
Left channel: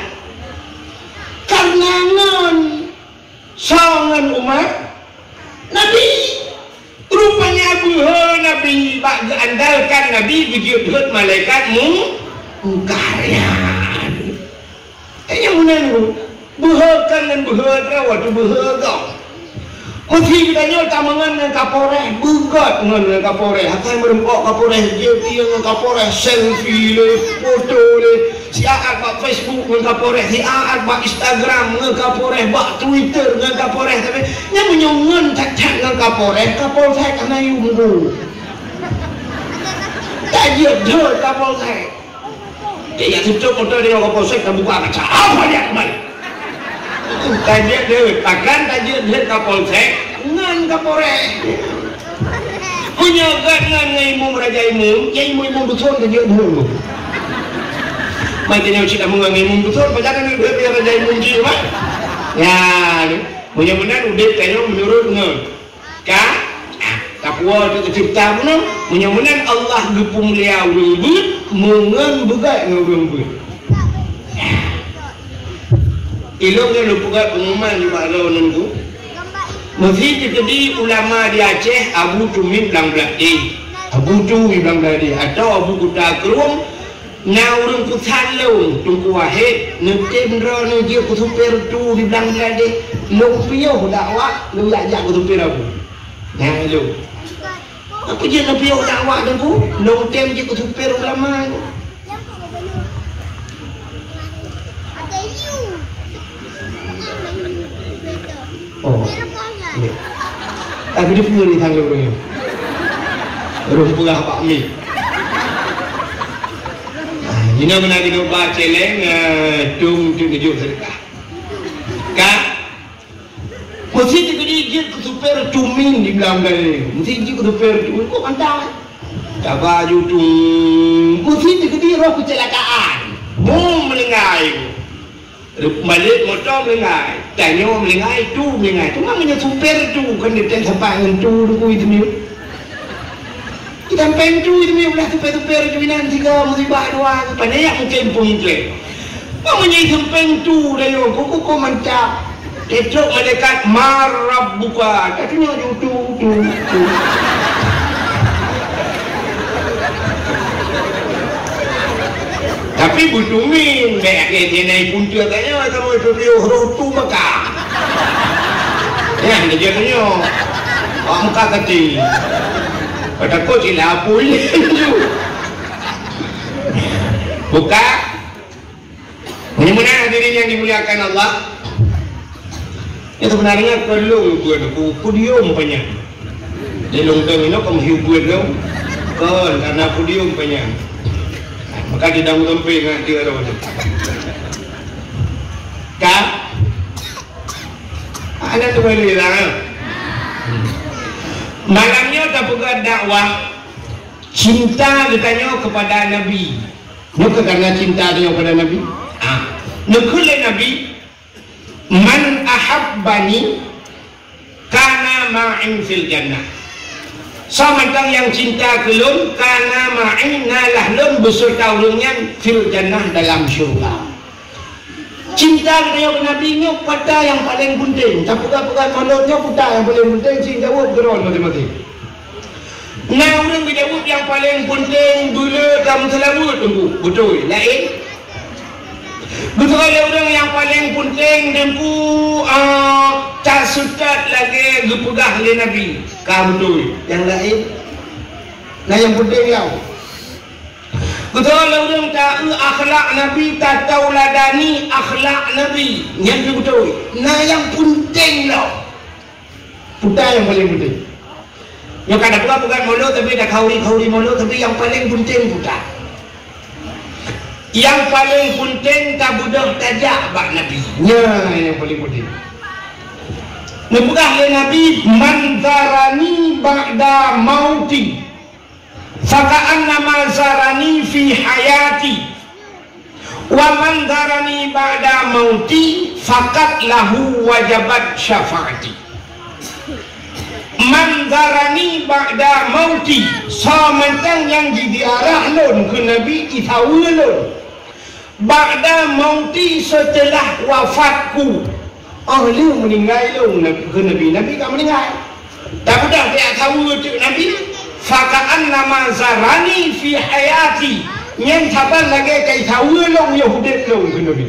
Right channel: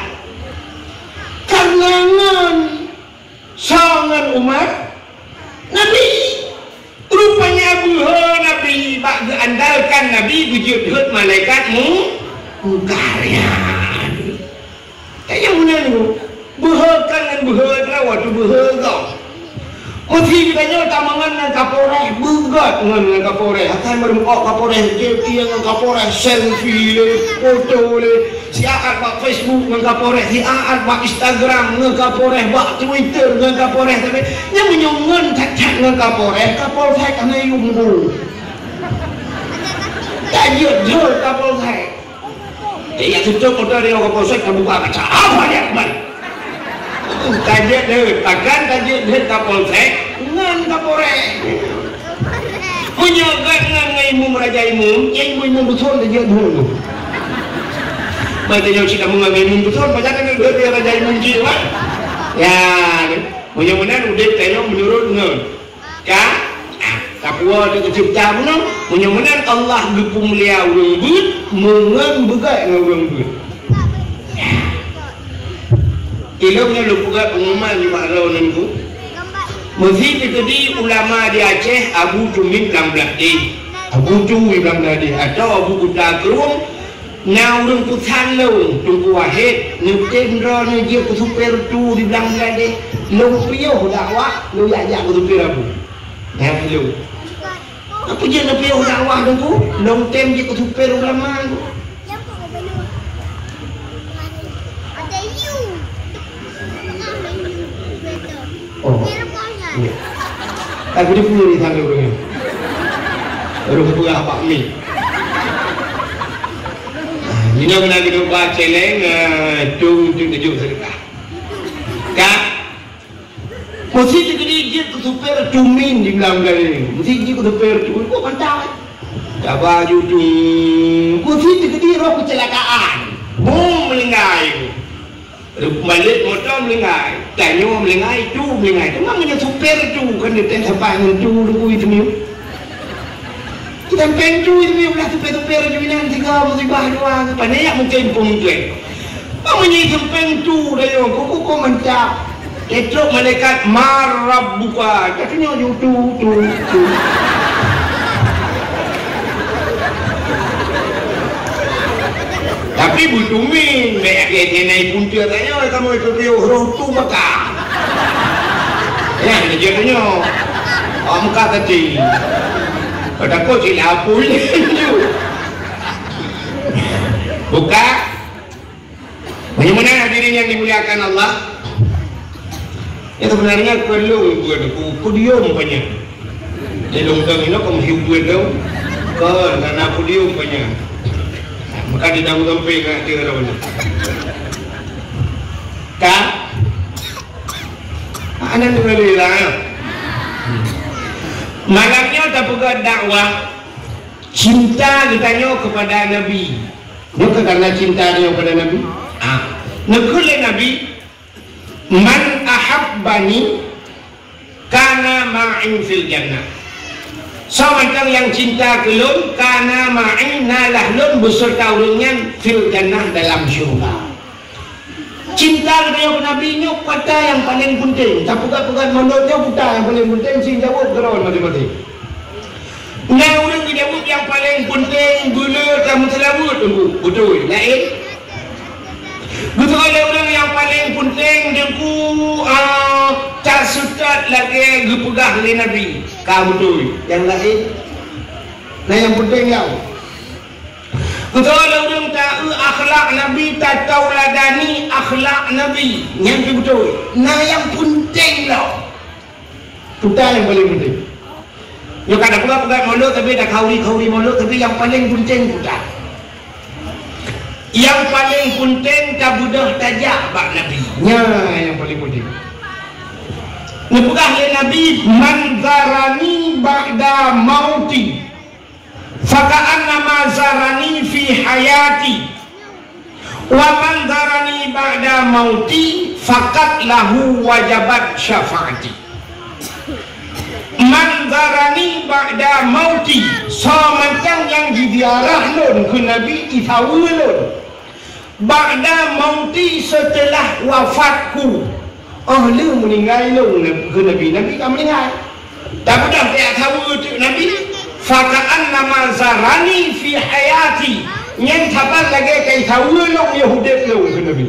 Karena sangan Umar Nabi. Rupanya buha Nabi bagi andalkan Nabi berjujur malaikatmu mungkarnya. Yang mana ni? Buhakan dan buhadra waktu buhaga. Mesti kita nyata mengenai kapoleh, bugat mengenai kapoleh. Akan merempok kapoleh, dia dengan kapoleh, selfie le, foto le. Si Aad bak Facebook dengan kapoleh, si Aad bak Instagram dengan kapoleh, bak Twitter dengan kapoleh. Tapi yang menyongan cacat dengan kapoleh, kapoleh kena yunggu. Tak dia kapoleh. Dia tutup foto dia kapoleh kan buka kaca. Apa dia kembali? Tajak dia, takkan tajak dia kapolsek dengan kapolres. Menyekat dengan imam raja imam, ya imam betul tajak dulu. Macamnya kita mengambil imam betul, macam ni dia raja imam cina. Ya, mudah-mudahan udah kayak menurut nge. Kah? Takwa tu tercipta pun, mudah-mudahan Allah berpemulia wujud, mengen juga ngurung. Ilmunya lupa pengumuman juga ada nunggu. Mesti jadi ulama di Aceh Abu Cumit Bangladesh, Abu Cumit Bangladesh atau Abu Kutakrung, naurun kusan laun tunggu wahid, nutin rana dia kusuper tu di Bangladesh, lupiah dakwah, lu ajak kusuper aku. Yang lu. Apa dia lupiah dakwah tu? Long time dia kusuper ulama. Oh, ni. Aku di puri tangga punya. Terus pula Pak Mi. Ini mana kita baca celeng, tung tujuh sedekah. Kak, mesti dia super tumin di belakang dia. Mesti dia super tumin. Kau kantang. Tak baju tu. Mesti dia roh kecelakaan. Boom melengai. Balik motor melengai. Tanya orang melengai tu melengai. Cuma punya super tu kan dia tak sampai dengan tu itu ni. Kita pencu itu yang belah tupe-tupe rejuminan tiga musibah dua banyak mungkin namanya pencu dayo kuku mencap itu malaikat marab buka katanya tu tapi butumin kayak naik punca tanya kamu itu dia huruf tu maka yang jadinya muka kecil pada kau cilapul buka bagaimana hadirin yang dimuliakan Allah itu sebenarnya perlu aku diam banyak dia longkang ini kamu hiburan kau karena aku diam banyak maka di dalam tempe nggak dia orang tak anak tu baru hilang malamnya tak buka dakwah cinta ditanya kepada Nabi bukan karena cinta dia kepada Nabi Nukul Nabi man ahabbani kana ma'in fil jannah sementara yang cinta kelum kana ma'in nalah lum beserta ulungnya fil jannah dalam syurga cinta kepada Nabi ini pada yang paling penting tak bukan manusia buta yang paling penting cinta jawab mati-mati nah orang jawab yang paling penting dulu kamu selalu tunggu betul lain betul orang yang paling penting dengku tak suka lagi dipegah oleh Nabi kamu tu yang lain nah yang penting yang betul orang tak akhlak Nabi tak tahu ladani akhlak Nabi yang betul nah yang penting lah kita yang paling penting yang kadang-kadang pegang mulut tapi ada kauri mulut tapi yang paling penting kita yang paling penting tak budak tajak bak Nabi yang paling penting Nubah Nabi man zarani ba'da mauti faka'annama zarani fi hayati wa man zarani ba'da mauti fakat lahu wajabat syafaati man zarani ba'da mauti sementang yang didiarah lon ke Nabi ifawul lon ba'da mauti setelah wafatku lu meninggal lu ke Nabi kamu meninggal tapi dah tak tahu tu Nabi faka'an nama zarani fi hayati yang kapan lagi kai tahu lu Yahudi lu ke Nabi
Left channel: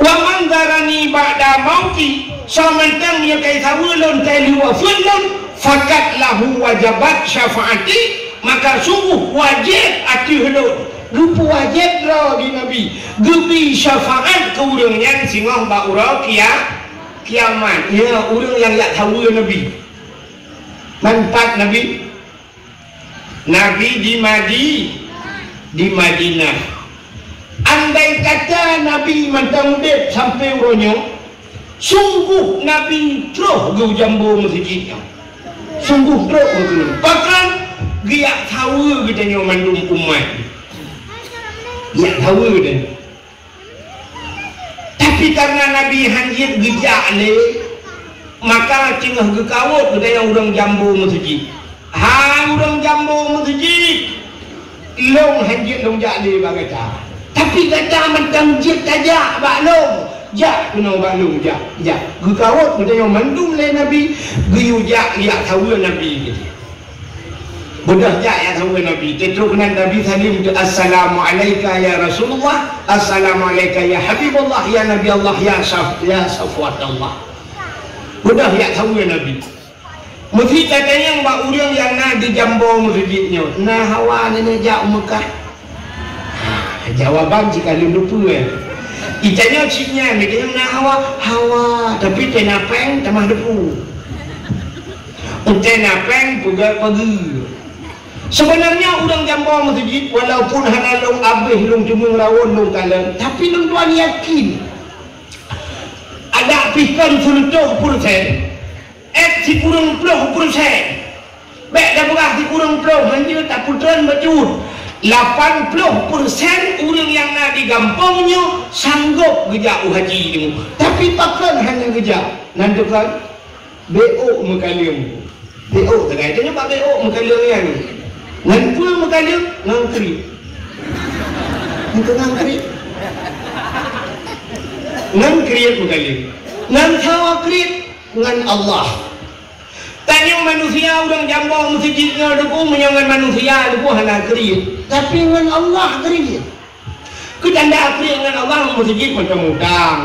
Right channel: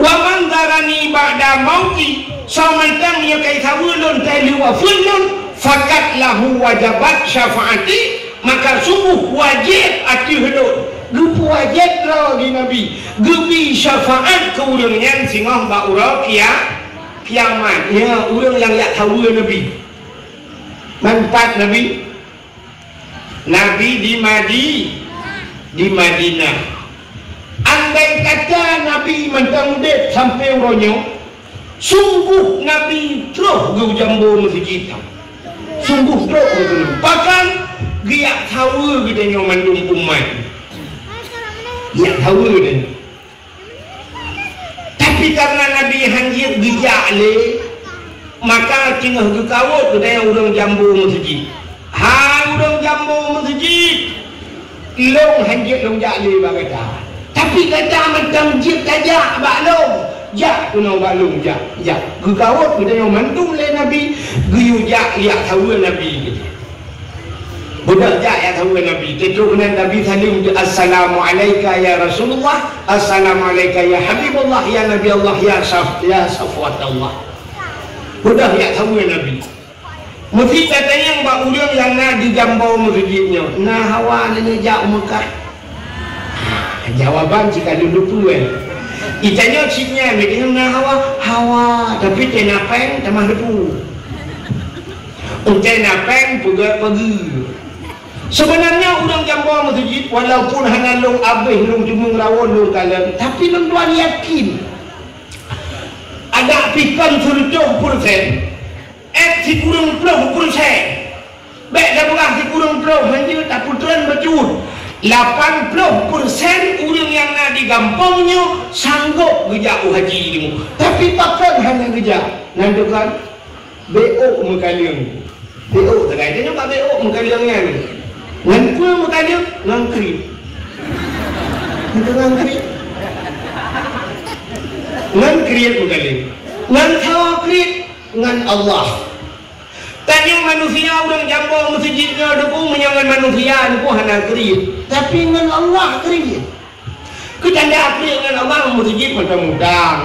wa man zarani ba'da mauti sementang dia kai tahu lu telu wafun fakat lahu wajabat syafaati maka sungguh wajib ati hidup lupa wajib lah di Nabi gebi syafaat ke orang yang singah ba'ura kiamat ya orang yang tak tahu Nabi manfaat Nabi di Madinah andai kata Nabi mentang-dek sampai orangnya sungguh Nabi terus ke jambu masjid sungguh terus bahkan dia tahu bedanya mandung umat dia tahu dia tapi karena Nabi hanjir bijak le maka cingah ke kawat dia yang orang jambu masjid orang jambu masjid long hanjir long jak le bak kata tapi kata macam jid tajak bak long jak kuno bak long jak ke kawat dia yang mandum le Nabi guyu jak lihat tahu Nabi gitu budak jak yang tahu Nabi keturunan Nabi salim assalamualaikum ya Rasulullah assalamualaikum ya Habibullah ya Nabi Allah ya Safwat Allah budak jak tahu Nabi mesti katanya mbak uliang yang nak di jambu masjidnya nah hawa ni jak muka jawaban jika lupa itanya cipnya mereka nah hawa tapi tenapeng tamah depu tenapeng pugat pagi sebenarnya udang jambu masjid walaupun hanya long abih long cumung lawan long kalam tapi long tuan yakin ada pikan 70% si kurang 10% baik dah berah si kurang 10 hanya tak putran bacun 80% orang yang nak di kampungnya sanggup gejak haji ni tapi pakai hanya gejak nanti kan BO mengkalim BO tegai dia nampak BO muka dia ni. Ngapa muka dia? Ngangkri. Muka ngangkri. Ngangkri muka dia. Ngangkri dengan Allah. Tadi manusia orang jambong masjidnya deku menyangan manusia deku hana kri. Tapi dengan Allah kri. Kita anda kri dengan Allah masjid macam mudang.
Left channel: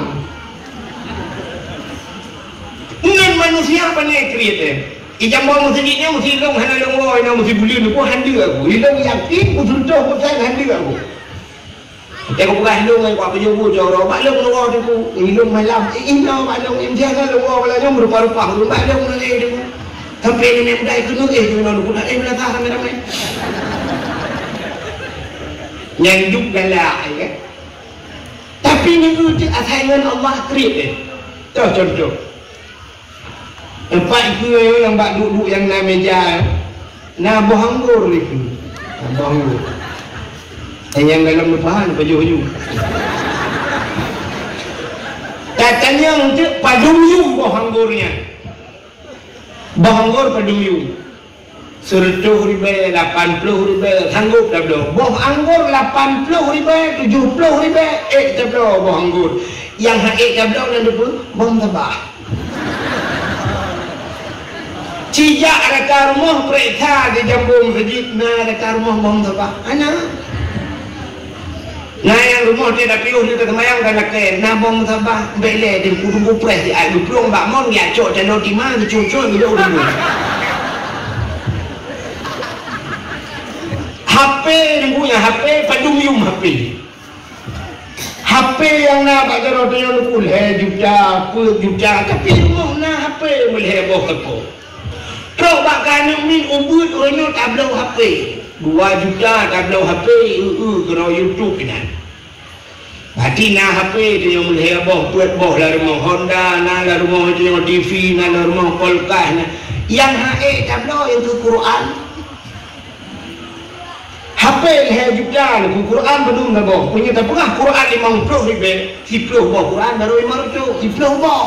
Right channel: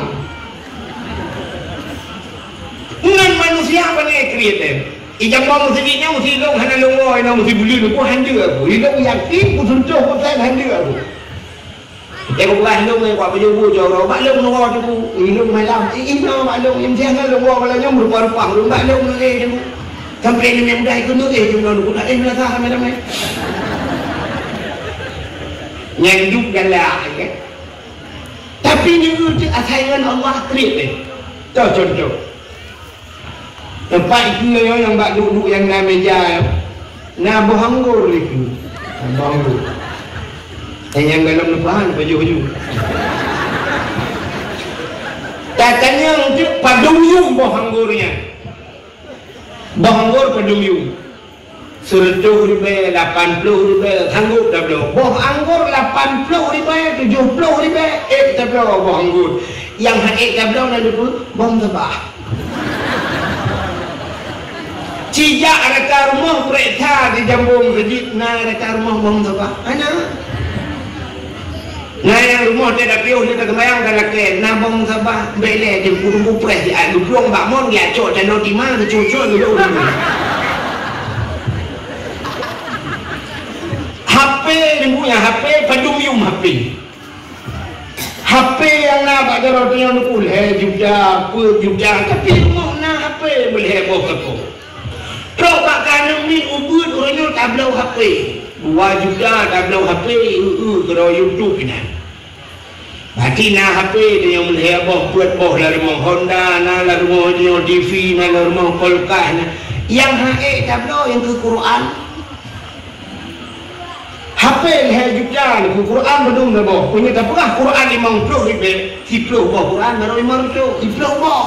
Dengan manusia pandai kri tu. Jambong masjidnya mesti long hana longo ina mesti buli deku handu aku. Long yakin betul betul handu aku. Kita bukan long aku apa jauh jauh. Maklum longo deku. Long malam. Ina maklum injah longo balanya rupa-rupa. Maklum ni. Sampai ini mudah itu nulis di mana pun ada yang tahu ramai-ramai. Nyanjuk galak, ya. Tapi ni tu asalnya Allah create. Tahu contoh. Empat itu yang bak duduk yang dalam meja, nak bohanggur itu, bohanggur. Yang dalam depan baju-baju. Katanya untuk padumyum bohanggurnya. Bohanggur padumyum. RM100, RM80, sanggup tak boleh. Boh anggur RM80, RM70, tak boleh boh anggur. Yang tak boleh nanti tu, bom tabah. Cijak ada rumah kereta di jambung masjid, ada rumah bom tabah. Anak. Yang rumah dia dah piuh dia termayang kena ke nabong sabah bele dia purung pres dia adu plong bak mon dia cok calo di mana cocok dulu dulu. HP yang punya HP padumyum HP. HP yang nak bagar orang yang boleh juta juta tapi mana HP boleh bawa kepo. Terus bakal ni ubud orangnya tak ada HP. 2 juta tak ada HP kalau YouTube ni. Berarti nak HP dia yang boleh buat boh dari rumah Honda, nak rumah TV, mana rumah Polkar. Yang HP tak ada yang ke Quran. HP leher juga ke Quran belum boh. Punya tak pernah Quran 50 ribu, 10 boh Quran baru 500, 10 boh.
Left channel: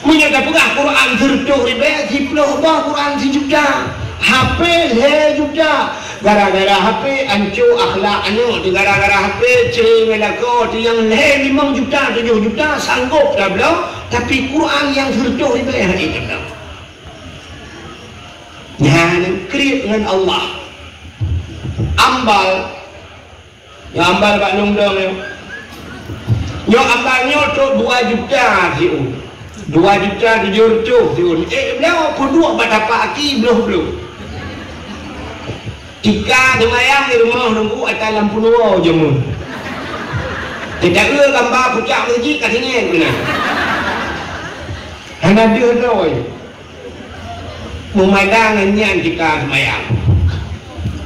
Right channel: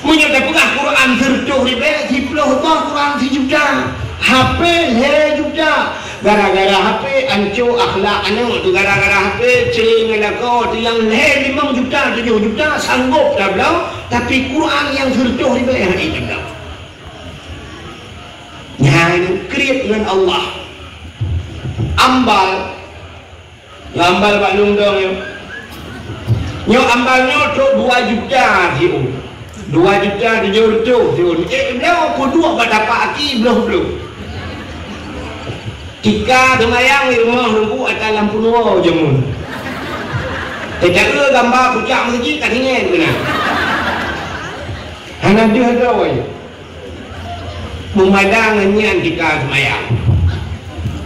Punya tak pernah Quran 10 ribu, 10 boh Quran 1 juta. HP leher juga. Gara-gara HP ancur akhlak anak tu, gara-gara HP celing melaka tu yang leher 5 juta 7 juta sanggup tak belum, tapi Quran yang 10 ribu yang ini tak belum. Jangan create dengan Allah. Ambal ambal Pak Nungdong yo ambalnya tu 2 juta siu 2 juta 7 siu dia aku dua dapat aki belum Tika demayang di rumah nunggu akan lampu nua jemu. Tidak ada gambar pucak masjid katanya kena. Hanya dia doy. Memadangnya jika demayang.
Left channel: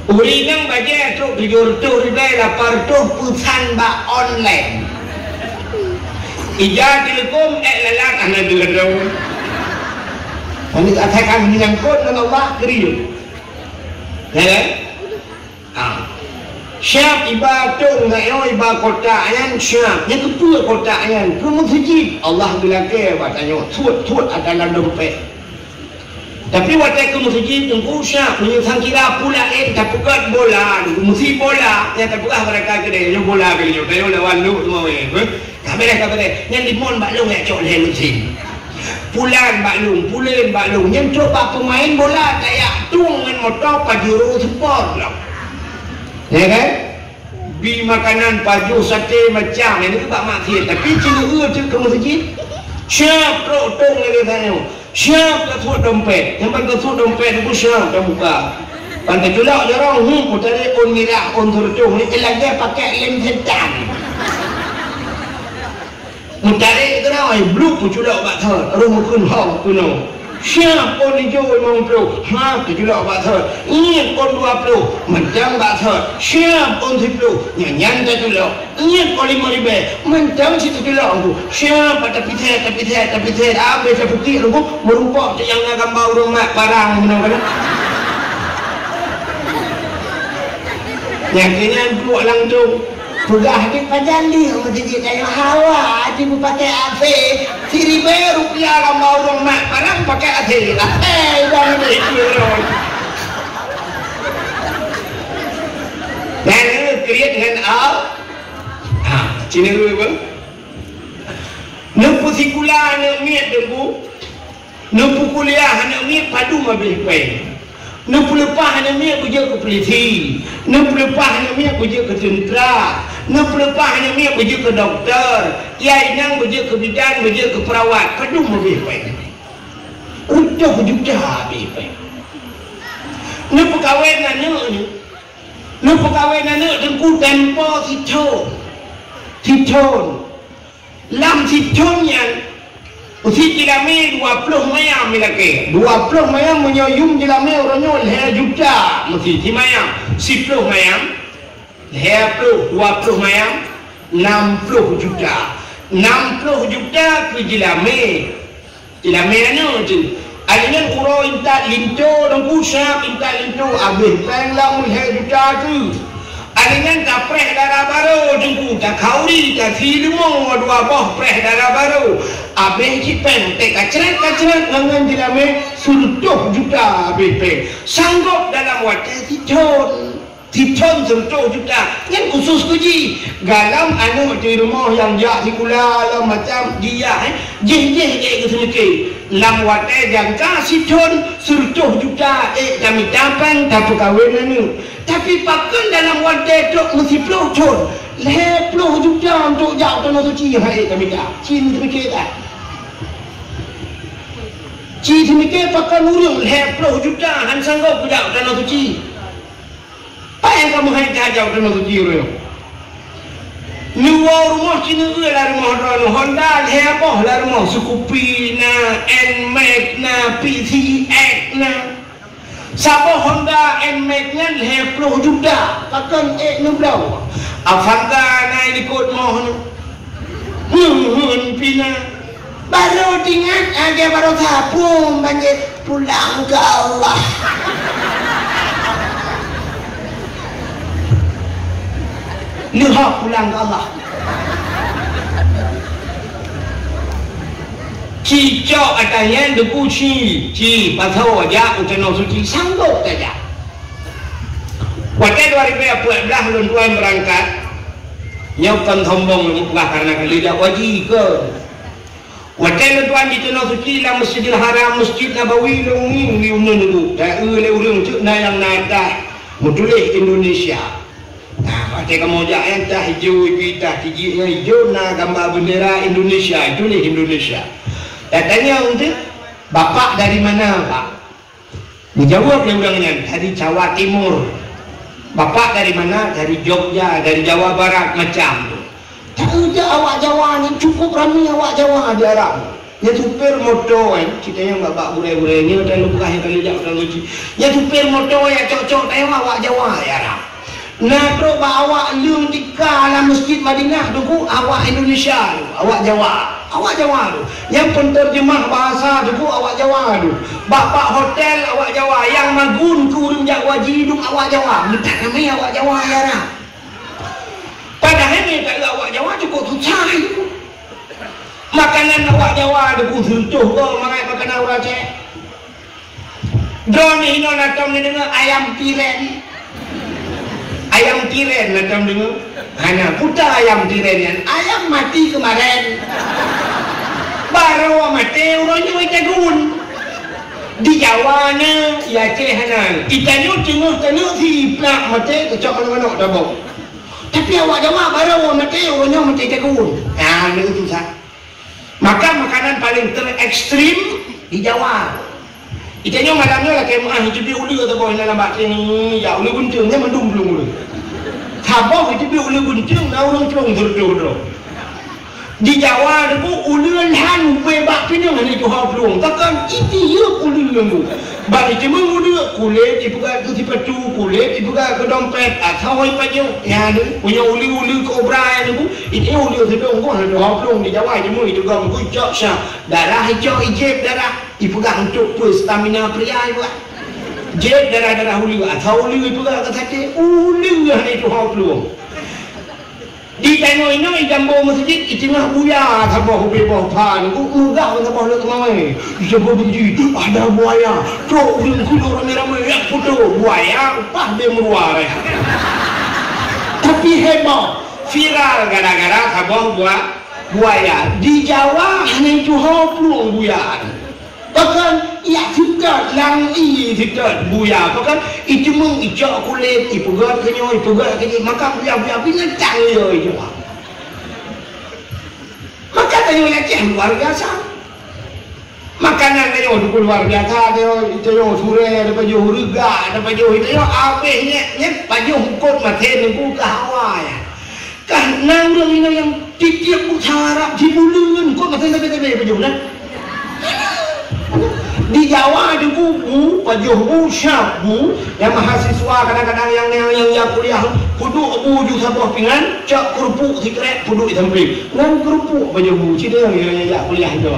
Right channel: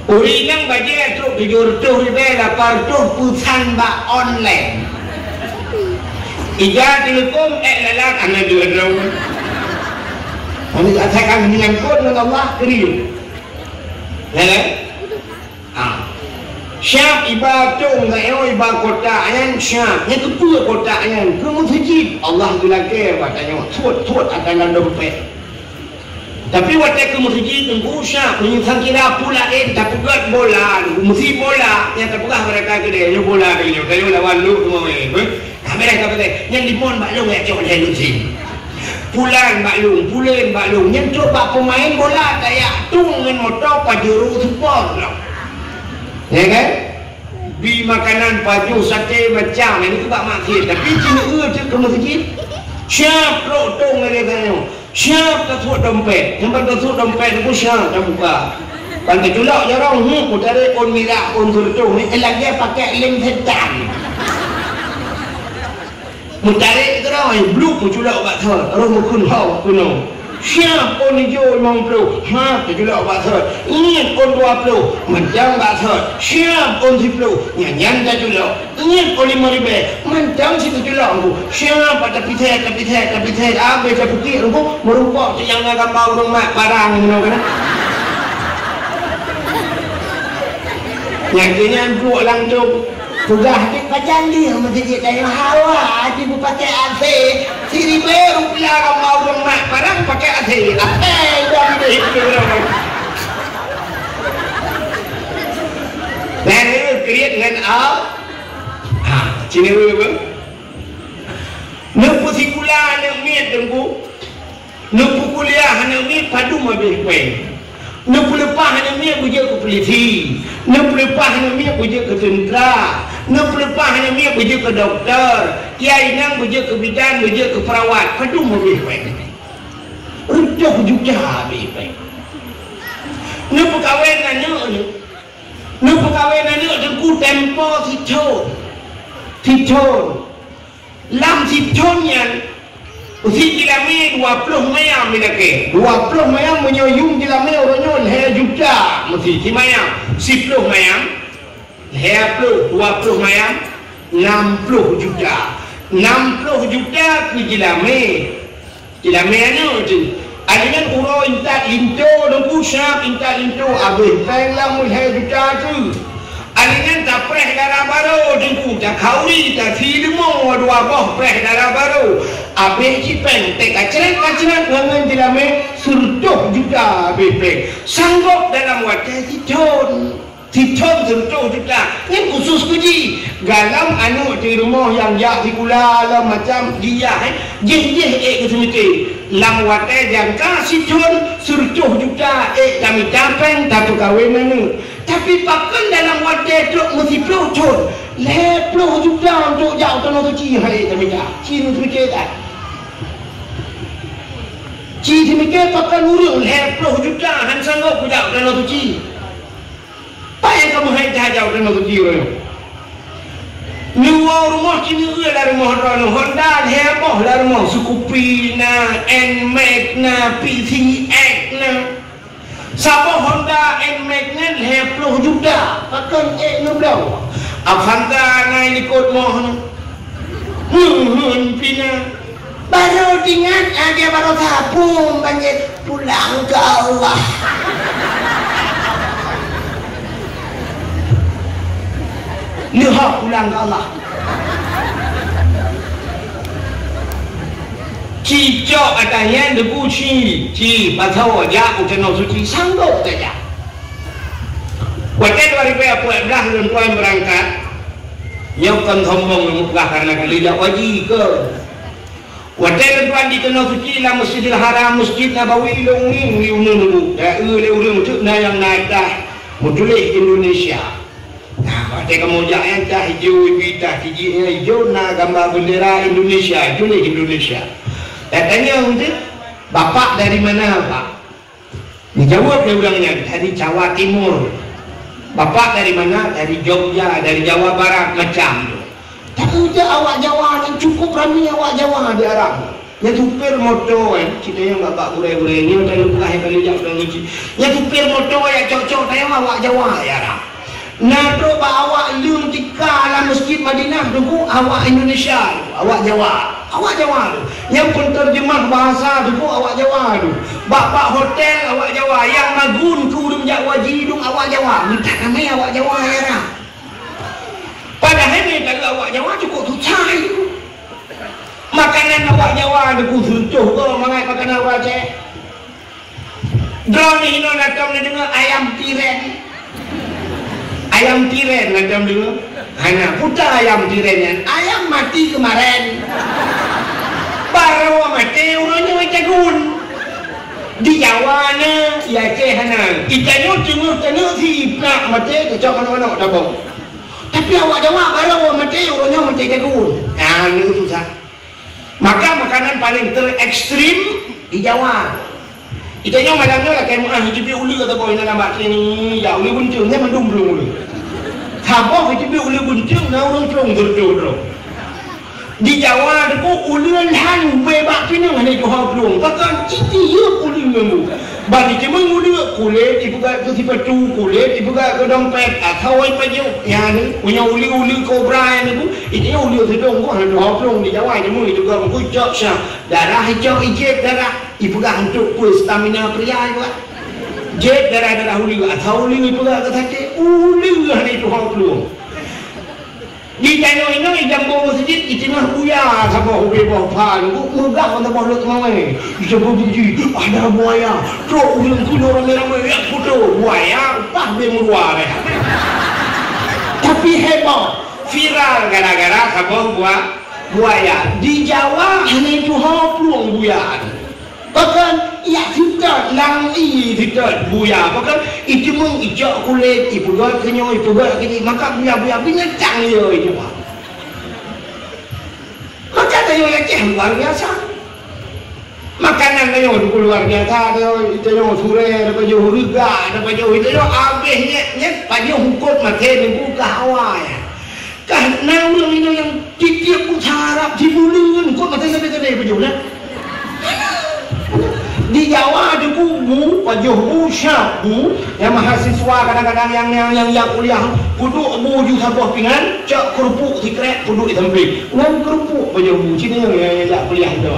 Uri yang baca tu 700 ribu dapat tu pusan ba online. Ija telekom lalat hanya dia doy. Kami akan menyangkut dengan Allah kering. Ya. Syab ibadah ngayo ibadah kota ayan syab itu pula kota ayan ku masjid Allah bilake katanya tuat akan dompet tapi waktu ke masjid tunggu syab ni kira pula tak buat bola mesti bola yang tak buat mereka gede yang bola gede kayu lawan lu semua kamera kata yang dipon maklum ya cok lain mesti pulan maklum yang coba pemain bola kayak tu dengan motor pajuru support lah. Ya kan? Bi makanan baju sate macam ini tak maksud tapi cina tu ke masjid siap tong lagi kan siap kasut dompet yang kasut dompet itu siap dah buka kan terjulak jarang aku cari on mirak on turun ni lagi pakai lem setan mencari itu ramai blue terjulak bakar terus mukun hau kuno siap on hijau 50 siap terjulak bakar ini on 20 macam bakar siap on 10 nyanyan terjulak ini on 5 ribu macam si terjulak aku siap tapi saya habis saya putih aku merubah yang akan bawa rumah barang mana yang kena dua orang tu sudah hati panjang dia masjid saya hawa hati bu pakai AC siri baru rupiah mau rumah barang pakai AC uang dia Cina apa? Nampu sekolah anak miat dengku, nampu kuliah anak miat padu mabih peng. Nampu lepas anak miat kerja ke polisi, nampu lepas anak miat kerja ke tentera, nampu lepas anak miat kerja ke doktor, kiai nang kerja ke bidan, kerja ke perawat, padu mabih peng. Udah juga mabih peng. Nampu kahwin anak ni, nampu kahwin anak dengku tempo Tijon lam tijon yang usi dilame 20 mayam milake 20 mayam menyoyum dilame orangnya hea juta mesti si mayam 10 mayam hea 20 mayam 60 juta 60 juta ke dilame anu tu adanya uro inta linto dan pusat inta linto abis pelang hea juta tu adanya tak preh darah baru dengku tak kauli tak filmo dua boh preh darah baru abe kipen tek kacret dengan dilame surtuh juga abe sanggup dalam wadah titon surtuh juga yang khusus kuji galam anu di rumah yang jak di kula macam dia jeh gitu lam wadah yang kasih ton surtuh juga kami tapeng tak kawin anu tapi pakai dalam wadah tu mesti pelocor leher peluh juga untuk jauh tanah suci hai kami tak cini semikir tak cini semikir pakai nurul leher peluh juga han sanggup jauh tanah suci apa yang kamu hai jauh tanah suci luar rumah cina dari rumah Honda leher apa dari rumah Scoopy na NMAX na PCX na Sabo Honda NMAX nya leher peluh juga pakai nublau Avanza na ikut mohon pina baru tinggal aja baru sabung banjir pulang ke Allah lihat pulang ke Allah cicok adanya debu ci pasal aja ujian suci sanggup saja Waktu 2014 tuan berangkat Nyokan sombong bukan karena kelidak wajib ke Waktu tuan di Tanah Suci lah Masjidil Haram Masjid Nabawi Lungi umum Ule untuk yang naik Mutulih Indonesia Nah waktu kamu jangan tak hijau kita hijau na gambar bendera Indonesia Tulih Indonesia Datanya untuk Bapak dari mana Pak Dijawab dia ulangnya dari Jawa Timur Bapak dari mana? Dari Jogja, dari Jawa Barat macam tu. Tak kerja awak Jawa ni cukup ramai awak Jawa di Arab. Yang supir motor kita yang agak boleh-boleh ni macam lupa yang kali jak dalam uji. Yang supir motor yang cocok tengok awak Jawa di Arab. Nah tu awak lium tika dalam masjid Madinah tu awak Indonesia, awak Jawa. Awak Jawa tu. Yang penterjemah bahasa tu awak Jawa tu. Bapak hotel awak Jawa. Yang nagun kurum jak wajib awak Jawa. Minta ramai awak Jawa ya lah. Padahal ni kalau awak Jawa cukup susah itu. Makanan awak Jawa tu suntuh ke mangai makanan awak cek. Drone ni hilang datang ni dengar ayam tiren. Ayam tiren macam dengar. Hanya putar ayam tiren yang ayam mati kemarin. Baru mati orangnya macam gun. Di Jawa ni ya ceh hana. Kita ni tengok si nak mati kecak mana dah bau. Tapi awak Jawa baru mati orangnya mati jagung. Ni susah. Maka makanan paling terekstrim di Jawa. Kita ni malamnya lah kayak orang hidup uli atau boleh nampak ni ya uli buntung ni mendung dulu. Sabah hidup uli buntung kau cung terus. Di Jawa tu ulun han bebak pinang ni tu hak belum. Takkan itu yuk ulun dulu. Bagi cuma ulun kulit dibuka ke sepatu kulit dibuka ke dompet atau apa je. Yang punya uli kobra ni tu itu uli sebelum kau ada hak belum di Jawa ni mu juga mengucap sah darah hijau ijek darah dibuka untuk stamina pria juga. Jet darah uli atau uli juga kata uli yang itu hak belum. Di tanah ini jambu masjid itu mah buaya sama hobi bawa mudah untuk bawa kemana? Jambu biji ada buaya. Cok film kuno merah foto buaya upah dia meluar. Tapi hebat viral gara-gara kabau buaya. Di Jawa hanya itu peluang buaya. Bahkan ia tidak langi tidak buaya. Bahkan itu mengijak kulit, itu gak kenyang, itu gak kenyang. Maka buaya binatang dia itu. Maka tanya Aceh luar biasa. Makanan tanya luar biasa. Itu sure, ada baju hurga, ada baju itu habisnya baju hukum mati minggu kahwai. Karena orang ini yang tiap utara dibulun kok macam apa baju nak? Di Jawa ada kubu, baju usyabu, yang mahasiswa kadang-kadang yang kuliah duduk buju satu pinggan, cak kerupuk sikret duduk di samping. Ngan kerupuk baju Cina yang kuliah itu.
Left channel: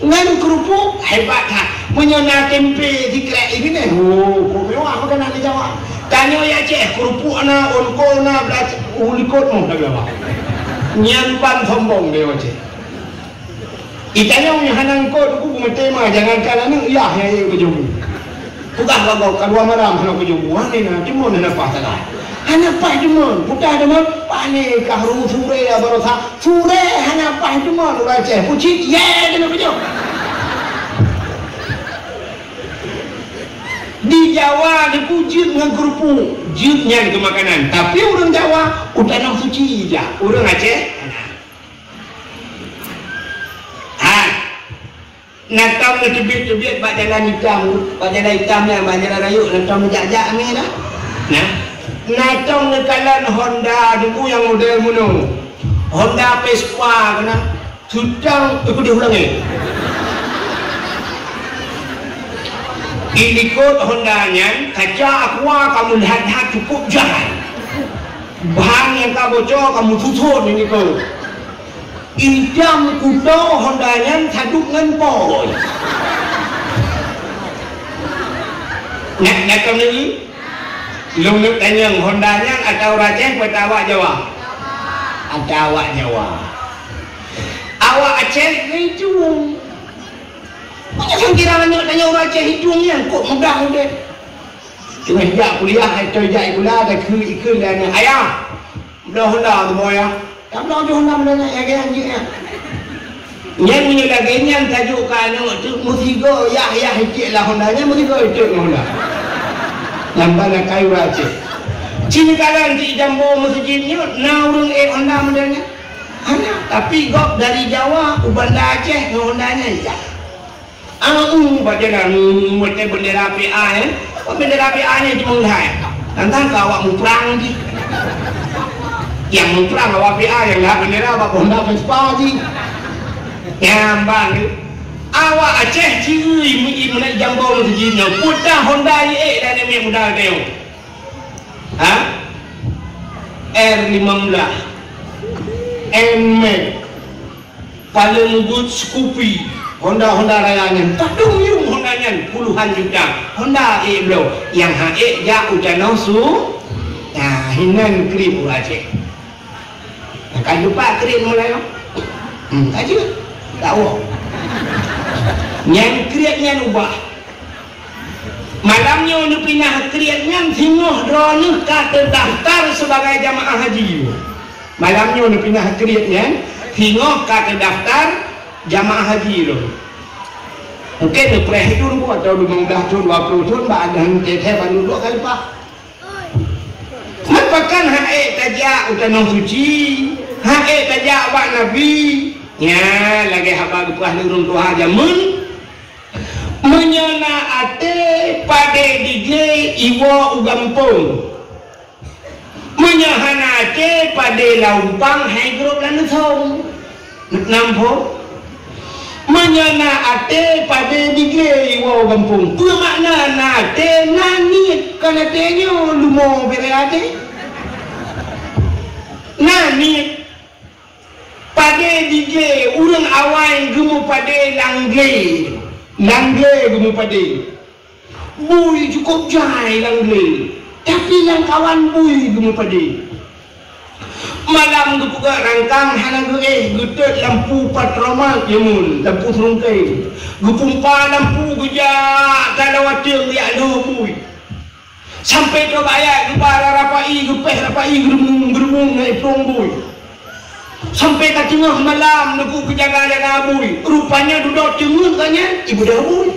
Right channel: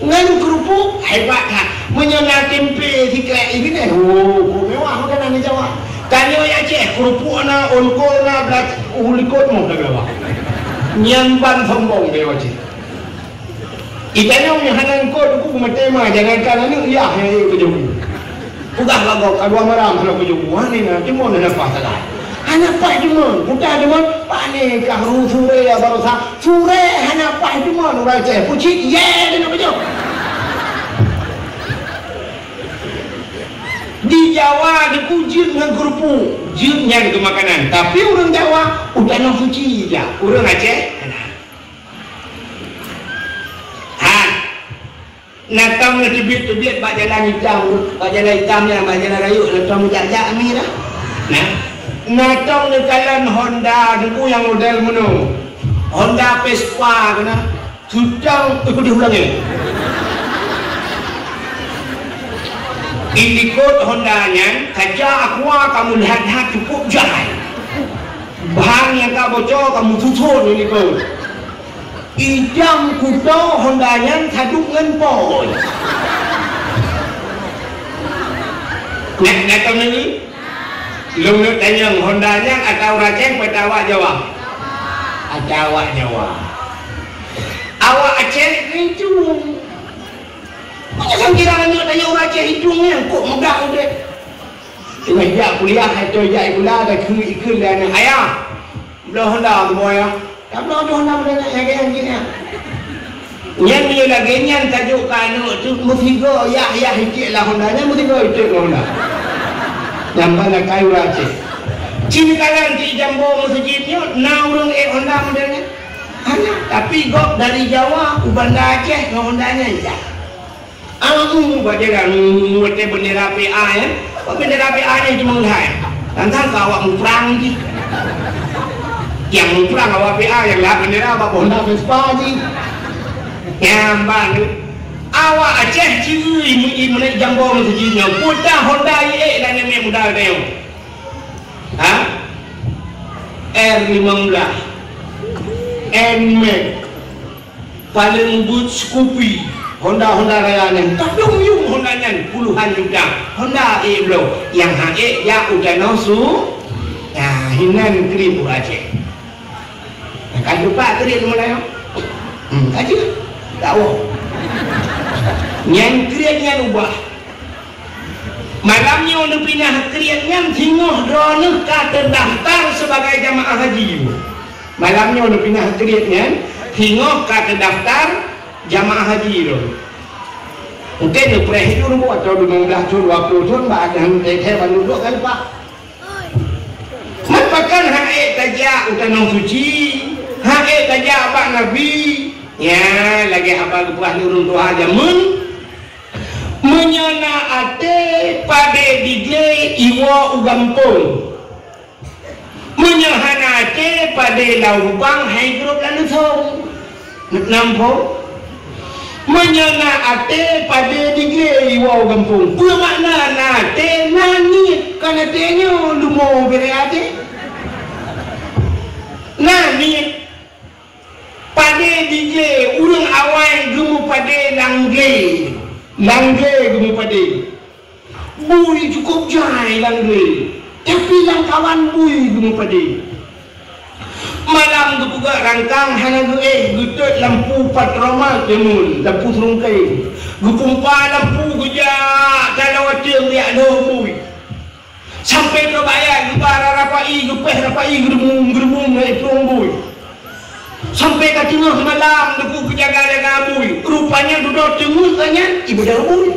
Ngan kerupuk hebat ha. Menyana tempe sikret ini teh. Oh, mewah kan di Jawa. Tanya ya Aceh, kerupuk na onko na ulikot mau dah bawa. Nyampan sombong dia Aceh. Itanya punya hanang kot aku pengetema jangan kala ni ya yang kejubu. Tugas kau kalau maram sama kejubu ni nanti mau nak apa salah. Hanya apa cuma, bukan cuma panik kahru sure ya baru sure hanya apa cuma orang Aceh pucik ye dengan kejubu. Di Jawa ada kujin dengan kerupuk, jinnya itu makanan. Tapi orang Jawa udah nak pucik je, orang Aceh. Natang na tibit-tibit bak jalan hitam lah, bak jalan rayuk natang mujak-jak ni lah. Natang na kalan Honda dulu yang model mana? Honda Vespa kena sudang ikut diulang ni. Ikut Hondanya, kaca aqua kamu lihat cukup jalan. Bahan yang tak bocor kamu tutup ini tu. Injam kuda Hondanya saduk ngempol. Nak kami ni, lumut tanya Hondanya atau Aceh atau awak Jawa? Atau awak Jawa. Awak Aceh ni hidung. Macam kira tanya orang Aceh hidungnya, kok mudah-mudah. Cuma dia kuliah atau dia kuliah ada ikut dan ayah. Dah Honda tu boy. Tak boleh ada Honda boleh nak jaga dia. Yang ni lagi yang tajuk kanu tu mesti go ya hicik lah Honda ni mesti go hicik Honda. Nampak kayu Aceh. Cina kalan di jambu masjid ni naurung Honda modelnya. Tapi gop dari Jawa ke Bandar Aceh Honda ni ya. Bagaimana muatnya bendera PA ya? Bendera PA nya cuma hai. Tantang awak muprang ni. Yang muprang awak PA yang lah bendera awak Honda Vespa ni. Yang bang awak Aceh ciri ni mulai jambu masjidnya. Putar Honda ye dan ni mudah dia. Ha? R15 NMAX paling good Scoopy Honda Raya ni padung yung Honda ni puluhan juta Honda bro yang hae ya udah nausu ya hinan krip Aceh kan lupa krip mulai aja tahu yang kripnya ubah malamnya untuk pindah kripnya tengok drone terdaftar sebagai jamaah haji malamnya untuk pindah kripnya tengok terdaftar jamaah haji tu. Mungkin dia perhitung buat atau 15 tahun, 20 tahun, ada yang teteh baru 2 kali pak. Makan hae tajak utama suci, hae tajak abang Nabi. Ya, lagi abang tuah lurung tuah jamun. Menyana ate pada DJ Iwo Ugampung. Menyahana ate pada Laubang Hydro dan Nusong. Nampung. Menyana ate pada digre Iwo Gampung. Apa makna nate nangit kerana tenya lumo bere ate. Nangit pada digre urang awan gumu pada langge gumu pada. Bui cukup jai langge. Tapi lang kawan bui gumu pada. Malam tu juga rangkang hana gutut lampu patroma kemun lampu serungkai gutumpa lampu gejak kalau wajib dia no bui sampai ke bayar di para rapai gupe sampai dapat gerumung naik punggung. Sampai ke tengah malam aku berjalan dengan abui. Rupanya duduk cengung tanya ibu dah abui.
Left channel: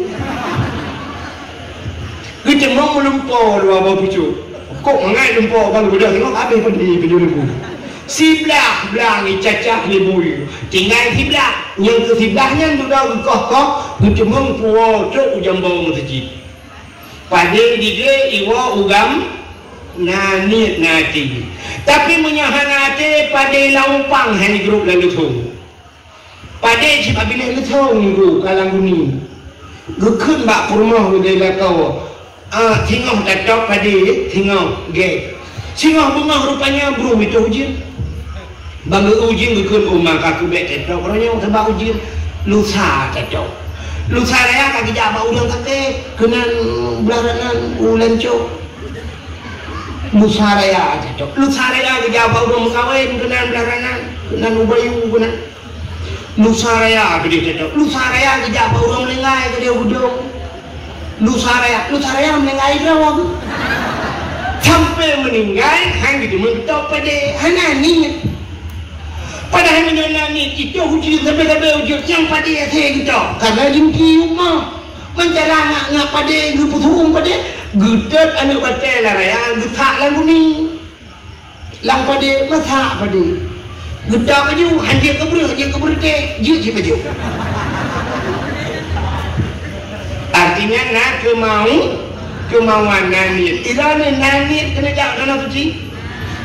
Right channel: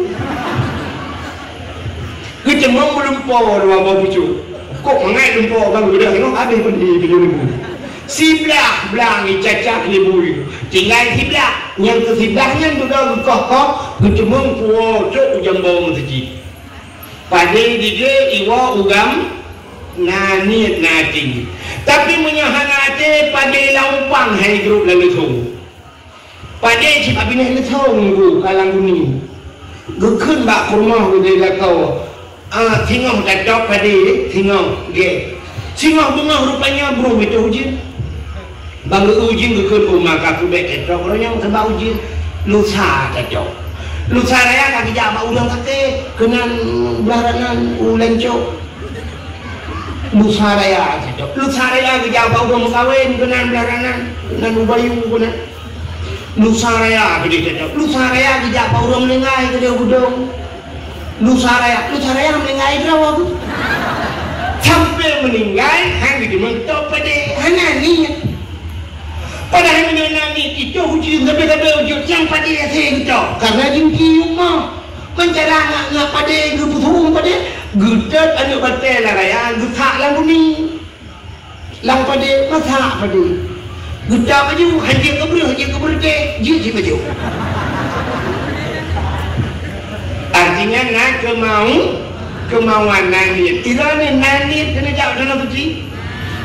Kita mau melumpur dua abang pucuk. Kok ngai lumpur bang udah tengok habis pun di video ni. Sebelah belang ni cacak ni bui. Tinggal sebelah. Yang ke sebelahnya juga kok cengung pura cuk jambong saji. Pada dia iwa ugam nanit nati. Tapi menyahan hati pada laupang hai grup lalu tu. Pada cik abinai letung tu kalang guni. Gukun bak rumah gudai lakau. Tengok dadak pada tengok gay. Tengok rumah rupanya bro itu ujian. Bangga ujian gukun rumah kaku bet dadak. Kalau yang sebab ujian lusa dadak. Lusa raya kaki jabak udang kata kenan belarangan ulan cok. Lusa raya dadak. Lusa raya kaki jabak udang kawin kenan belarangan kenan ubayu kenan. Lusa raya beli dadak. Lusa raya kaki jabak udang menengai ke dia udang. Lusa raya menengai berapa tu? Sampai meninggal hang gitu mentok pada hanya ni. Padahal menyenangi itu hujung sampai hujung yang pada saya kita karena jengki rumah mencari anaknya pada gubutung pada gudat anu partai lah raya gutak lang ni lang pada gutak pada gudak baju hanya keber ke je baju artinya nak kemauan nanit tidak ada nanit kena jauh dalam suci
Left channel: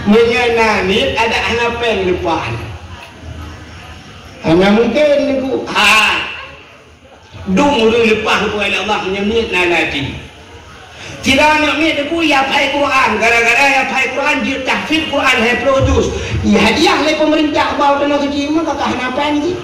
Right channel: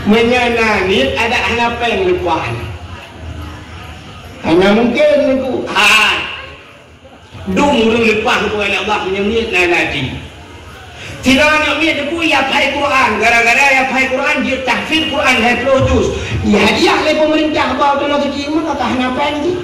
menyenangi ada anak yang lupakan. Karena mungkin aku dung dulu lepas aku Allah menyemit nanti. Tidak nak mit aku ya pai Quran gara-gara ya pai Quran dia tahfidz Quran hai produce. Ya dia oleh pemerintah bawa dalam segi mana tak apa ni.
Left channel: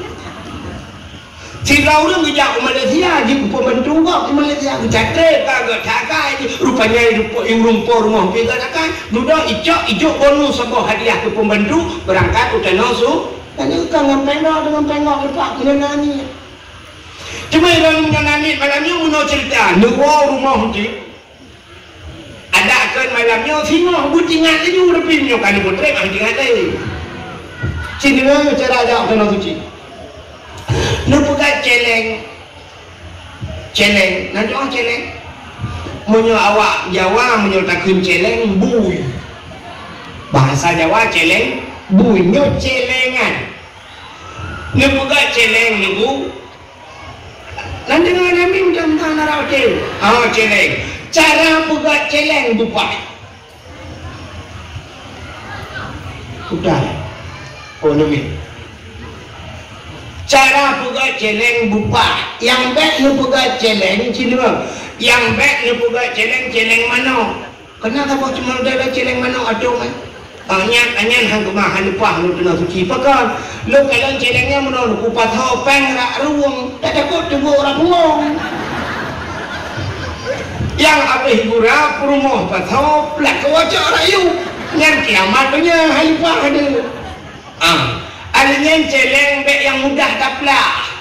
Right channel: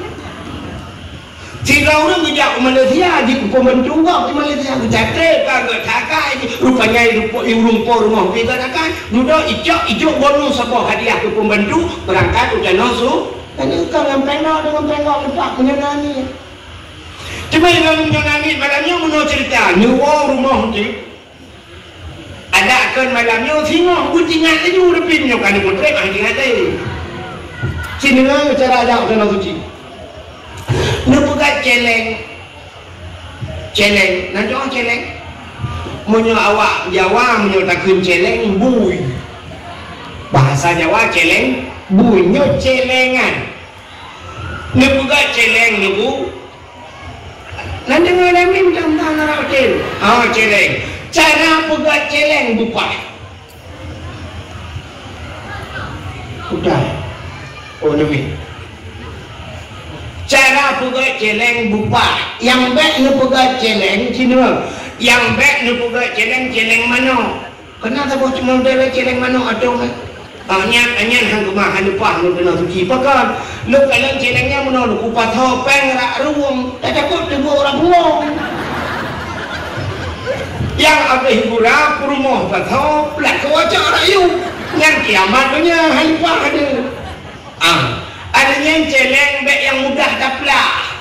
Jika orang bijak ke Malaysia di pembantu di Malaysia bercatat kagak takai rupanya rumput rumah kita takai duduk ijok bonus sebuah hadiah ke pembantu berangkat ke Tanosu. Tadi dengan tengok lepas kena ni. Cuma dalam nangis malamnya mau cerita, nuwa rumah tu. Ada akan malamnya sini butingan tu uripnya kan kontrak kan tinggal tadi. Sini cara ada kena suci. Lu buka celeng. Nak jauh celeng. Munyo awak Jawa munyo takun celeng bui. Bahasa Jawa celeng bunyi celengan. Ni buka celeng ni bu. Nanti ngalamin contoh narau cel. Celeng. Cara buka celeng buka. Udah. Ni. Cara buka celeng buka. Yang baik ni buka celeng cina. Yang baik ni buka celeng mana? Kenapa kau cuma dah celeng mana atau Anyan hang rumah hang depan ni kena suci pakan. Lu kalau celengnya menol ku patho peng rak ruang, tak takut tu orang buang. Yang apa hiburan rumah patho plak ko cak rayu. Yang kiamat punya hang depan ada. Ada yang celeng bek yang mudah taplak.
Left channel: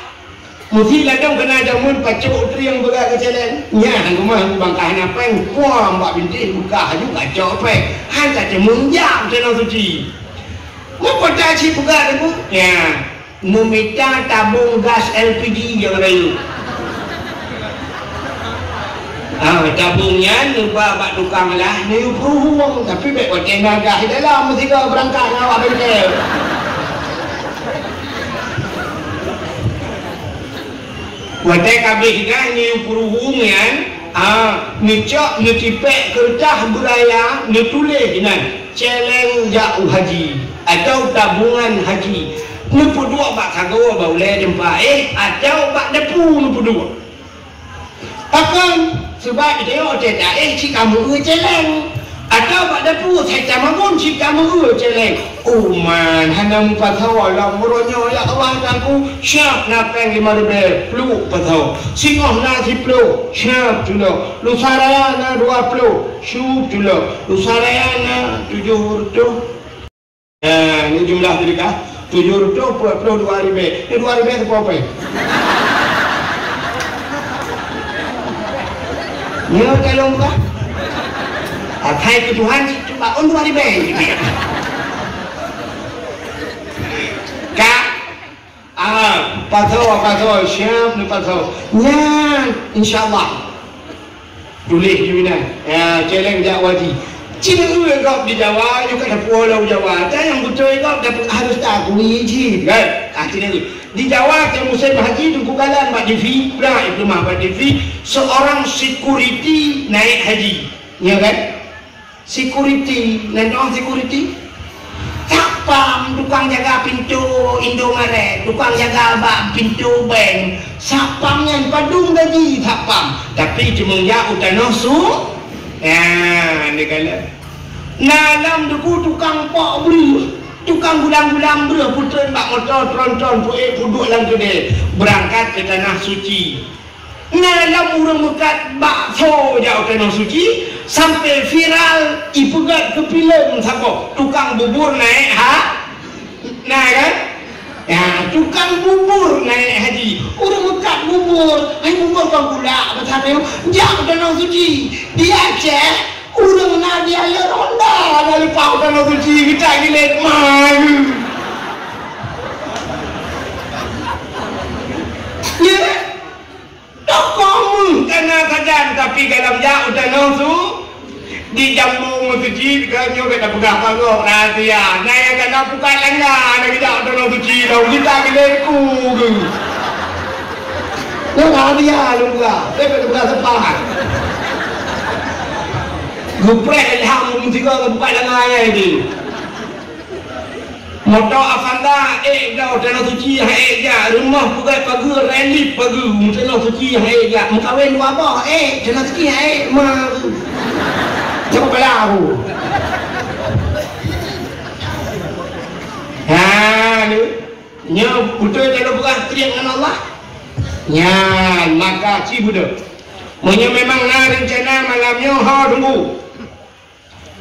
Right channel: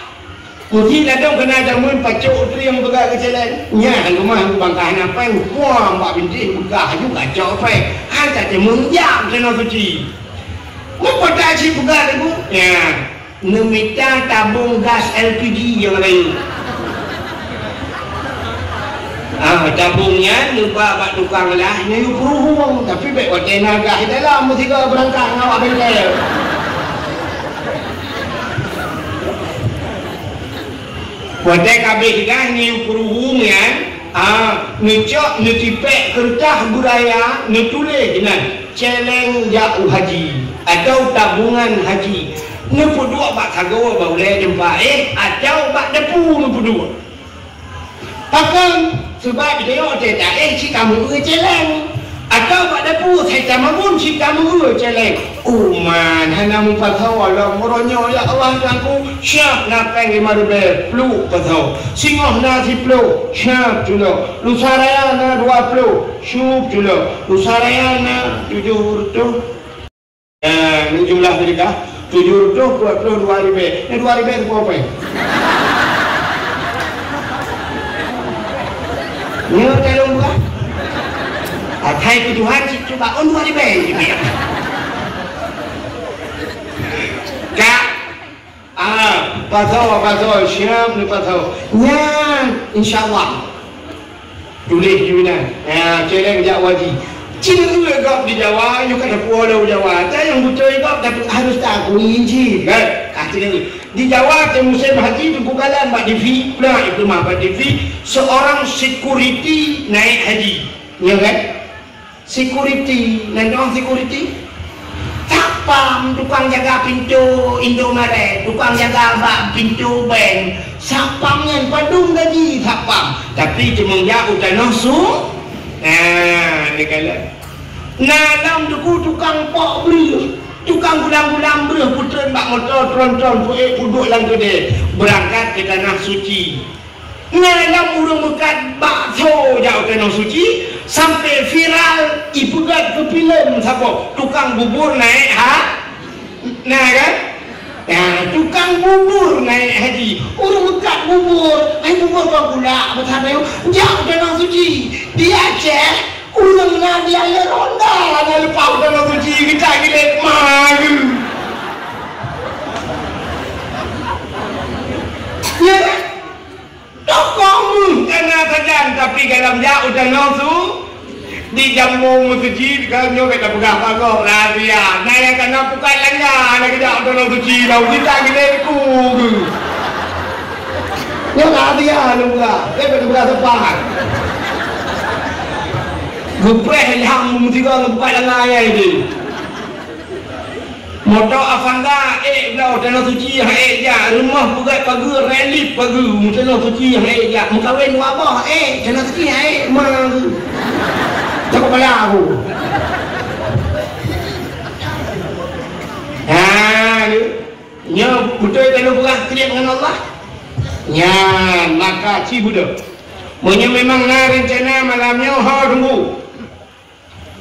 Mesti ladang kena jamun pacuk tu yang buka ke celeng. Nya hang rumah hang bangkai nak peng puang mbak binti buka juga cak peng. Hang tak munjam kena suci. Apa tak si buka tu? Ya, meminta tabung gas LPG yang lain. Tabungnya lupa pak tukang lah ni hukum tapi baik pakai naga dalam mesti kau berangkat dengan awak betul. Wadai kabeh kan ni peruhumnya, ngecek ngecipek kertas budaya, ngetulis dengan celeng jauh haji atau tabungan haji. Nupu dua bak sago boleh jumpa atau bak depu nupu dua. Pakai sebab dia cerita si kamu celeng atau bak depu saya kamu si kamu celeng. Man, hanya mempatau Allah meronyo ya Allah aku siap nak pengen marbe flu patau. Singoh nasi flu siap dulu. Lusaraya na 20 syuk dulu. Lusaraya na 70. Ini jumlah mereka 70 puluh 2000. Ini 2000 itu apa? Ni tolong tak? hai ke Tuhan cuba on dua di bang kak pasal siap ni pasal nya insyaallah boleh juga ya challenge jak wajib cina gap di Jawa you kan pulau Jawa tak yang betul gap tapi harus tak kunci kan cina di Jawa ke musim haji di Bukalan Pak Devi nah itu mah Pak Devi seorang security naik haji ya kan security orang security siapa tukang jaga pintu Indomaret tukang jaga pintu bank siapa yang padung gaji siapa tapi cuma ya utan nosu dia kata nanam duku tukang pok beri tukang gulang-gulang beri putera mak motor tron-tron puduk lang tu deh berangkat ke tanah suci nanam urung dekat bakso jauh tanah suci sampai viral ibugat ke film siapa tukang bubur naik naik kan ya tukang bubur naik haji urung dekat bubur bubur bang gula apa sampai jauh tanah suci dia cek urang na dia ya ronda ada lepas tanah suci kita gilek malu ya tokong karena saja tapi dalam jauh tanah su di jamu suci kalau nyoba tak pegang panggung rahasia nah yang kena bukan langa lagi jauh tanah suci lau kita gilek ku ya rahasia lu enggak saya pada sepahan Gupreh ilham mungtiga gempa langaya ini. Motor Avanda dah tanah suci dia rumah buat pagi relief pagi tanah suci dia mengkawin apa tanah suci mah coba pelau nya betul jangan belah kriak dengan Allah nya maka si budak memang rencana malamnya tunggu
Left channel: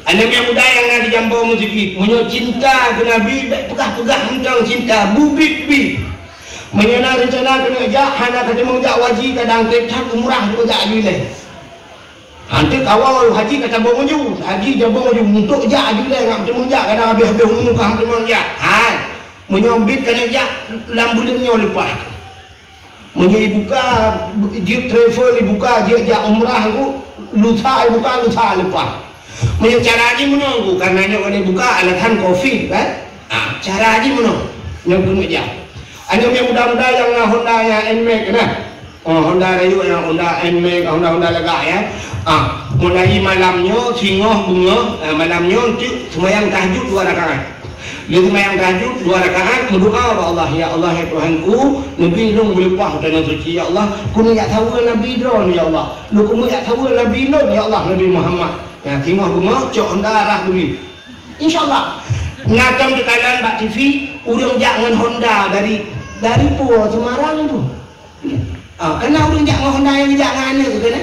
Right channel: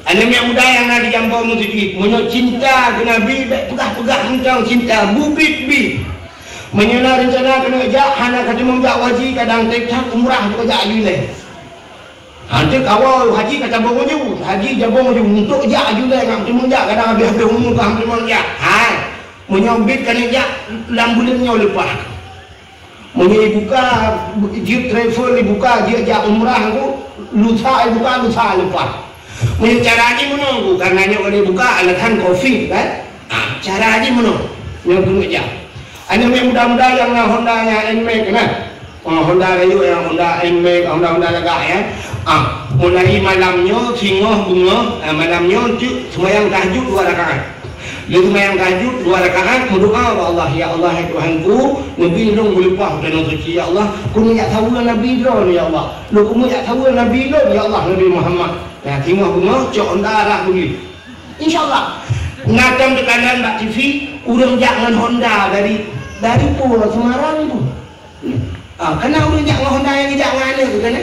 anda yang muda yang ada jambau musik menyo cinta ke Nabi pegah-pegah tentang cinta bubit-bit menyana rencana kena ajak hana ketemu jak wajib kadang tekak umrah juga jak gileh nanti kawal haji kata bangunju haji jambau maju untuk jak gileh nak ketemu jak kadang habis-habis umur kam ketemu jak menyobit kena jak dalam bulannya lepas buka jet travel dibuka dia jak umrah tu lusa lepas cara haji menunggu karena nak boleh buka alasan COVID kan cara haji menunggu menunggu je anda muda-muda yang Honda yang NMAX kan Honda Rayu yang Honda NMAX Honda lagak ya mulai malamnya singoh bunga malamnya semayang tahajud 2 rakaat dia semayang tahajud 2 rakaat berdoa kepada Allah ya Allah ya Tuhanku Nabi dong berlepas tanah suci ya Allah kuno ya tahu Nabi dong ya Allah lu kuno ya tahu Nabi dong ya Allah Nabi Muhammad ya timah bunga cok darah beli insyaallah natang di kanan Mbak TV urang jangan Honda dari Pura Semarang tu kena urang jangan Honda yang jangan tu kan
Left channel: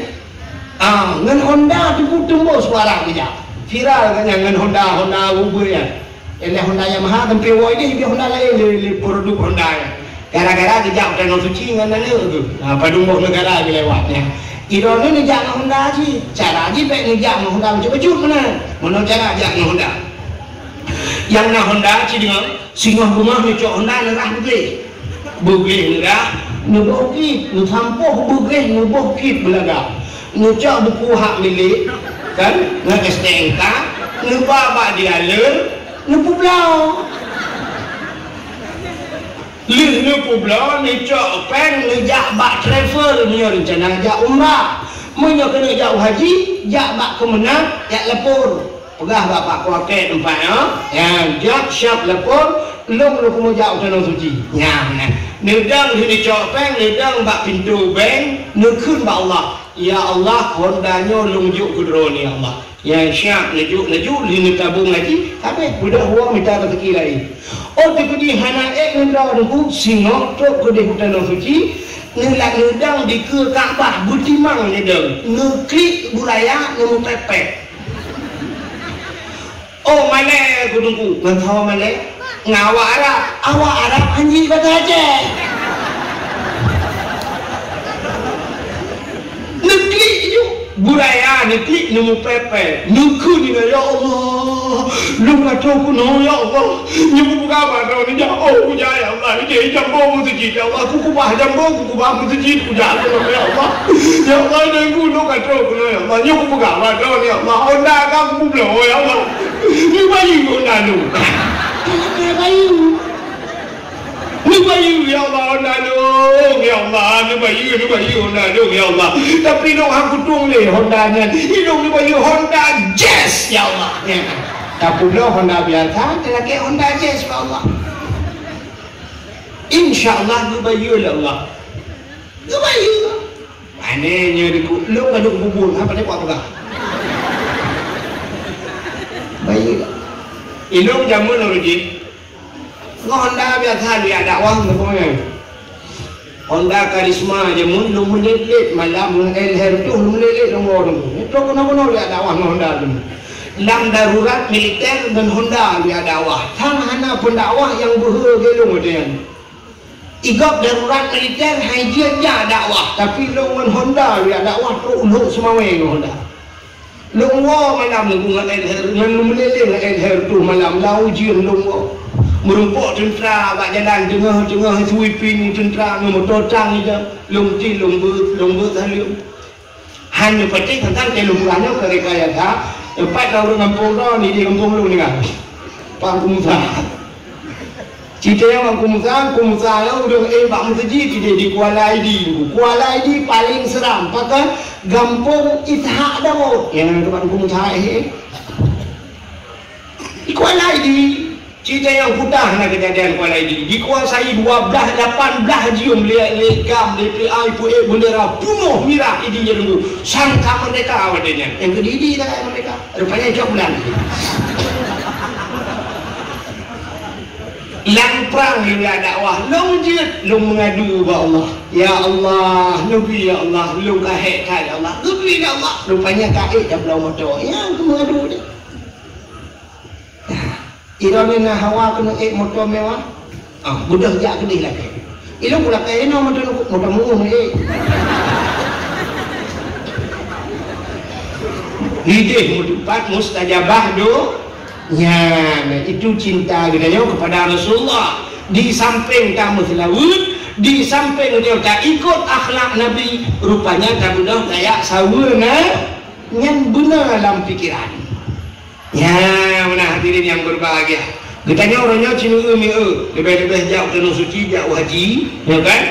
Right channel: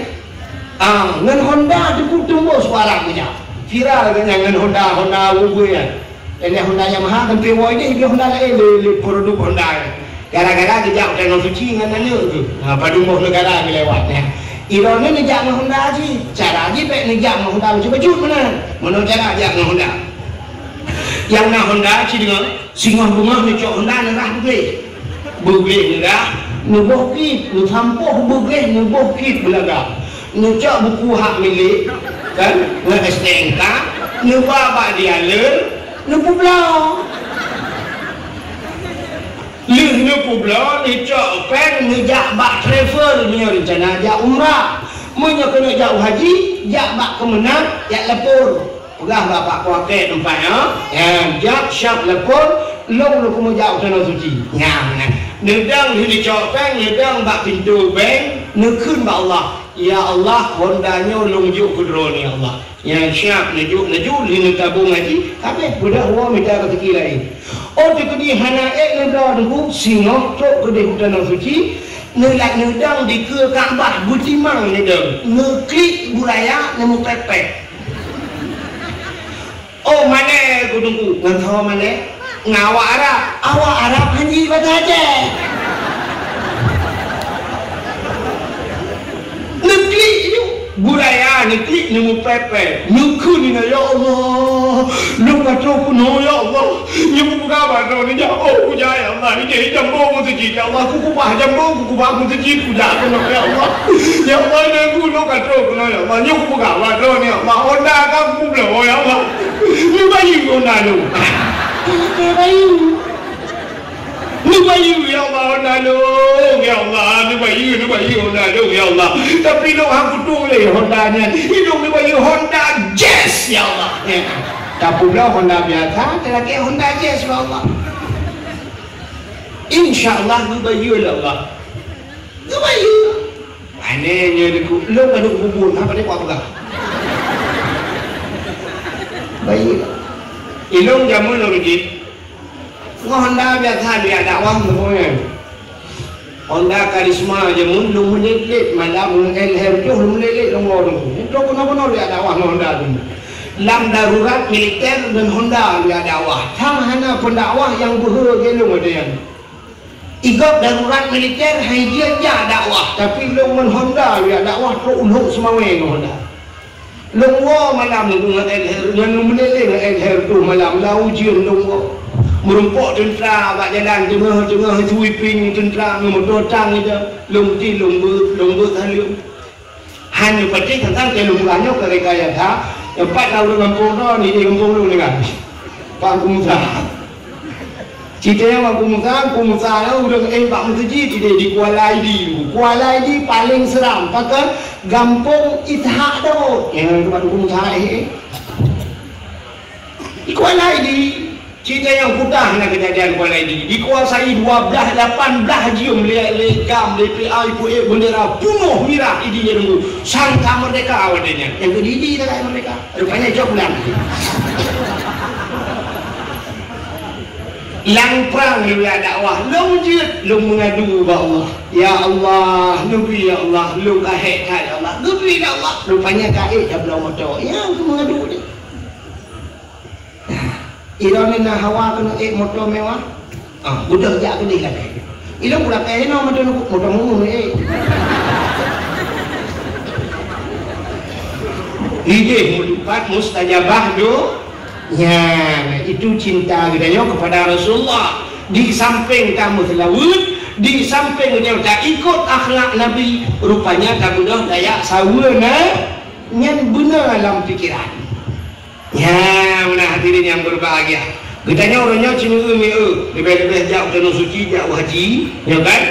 ngan Honda tu tembus suara dia viral kan ngan Honda bubu ya ini Honda Yamaha kan pewa ini Honda lain produk Honda gara-gara dia jangan suci ngan nanya tu padu mau negara lewatnya Iran ni jangan Honda haji cara haji baik ni jangan Honda cuba mana cara jangan Honda yang nak Honda haji dengan singgah bunga ni cok Honda ni tak boleh enggak ni bukit ni sampuh boleh ni bukit belaga ni cok buku hak milik kan ni STNK ni babak dia ni pulau ni pulau ni cok peng ni jak bak travel ni rencana jak umrah mana kena jauh haji jak bak kemenang jak lepur pegah bapak kuatet tempatnya jak syak lepur long kena jauh tanah suci nedang ni cok peng nedang bak pintu bank nekun bak Allah ya Allah Hondanya lunjuk kudro ni Allah yang syak nejuk ni tabung lagi tapi budak orang minta rezeki lain di hana ngendau dulu singo tok gede tanah suci ngelak nedang di ke Kaabah butimang nedang ngeklik budaya nemu tepek mana kudu ngentau mana ngawa Arab anji kata aja ngeklik itu Buraya nanti nemu pepe. Nuku dina ya Allah. Nuka toku no ya Allah. Nyubu buka batu ni jauh ya Allah. Ini jambu musjid ya Allah. Kuku bah jambu kuku bah musjid kuda ya Allah. Ya Allah nyubu nuka toku no ya Allah. Nyubu buka batu ni Allah. Onda kamu no ya Allah. Ni bayi onda nu. Ni bayi. Ni bayi ya Allah onda nu. Ya Allah, ni bayi onda nu ya Allah. Tapi no aku tulis Hondanya. Hidup ni bayi Honda Jazz ya Allah. Kapula Honda biasa, terakhir Honda Jazz ya Allah. InsyaAllah ni bayi ya Allah. Ni bayi. Anehnya ni lu banyak bubur apa ni apa dah? Bayi. Ilung jamu lagi. Honda biasa dia dakwah semua. Honda karisma je mulu menelit malam mengelher tu menelit nomor tu. Itu kenapa dia dakwah Honda tu. Lam darurat militer dan Honda dia dakwah. Tang hana pendakwah yang bergelung dia. Igok darurat militer haji aja dakwah, tapi long Honda dia dakwah tu umur semua Honda. Long malam menelit mengelher tu malam lau jiun long merumpuk tentera kat jalan tengah-tengah sweeping tentera memotong itu lomti lomba halu hanya penting tentang kelumpulannya rekayasa 4 tahun kampung tu ni di kampung tu dengan Kampung Musa cerita yang Kampung Musa lah udah Pak Masjid di Kuala ID paling seram pakai Kampung Ithak tu yang Kampung Musa di Kuala ID. Cerita yang putah nak kejadian Kuala ID dikuasai 18 jium lekam DPI puai bendera penuh mirah idinya dulu sangka merdeka awalnya yang kedidi tak kaya mereka rupanya coklat lang perang lu dakwah lu jid lu mengadu ba Allah ya Allah nabi ya Allah lu kahek ya Allah nabi ya Allah rupanya kahek tak belum motor ya aku mengadu dia Ironin na hawa ko ng motor mewah. Budak jak ke dia lagi. Ilong pula kaya na motor mo Ide mudupat mustajabah do. Ya, itu cinta kita kepada Rasulullah. Di samping kamu selawat, di samping kita tak ikut akhlak Nabi, rupanya tak mudah kayak sawana yang benar dalam pikiran. Ya, benar hadirin yang berbahagia. Kitanya orangnya cina lebih-lebih jauh tanah suci, jauh haji, ya kan?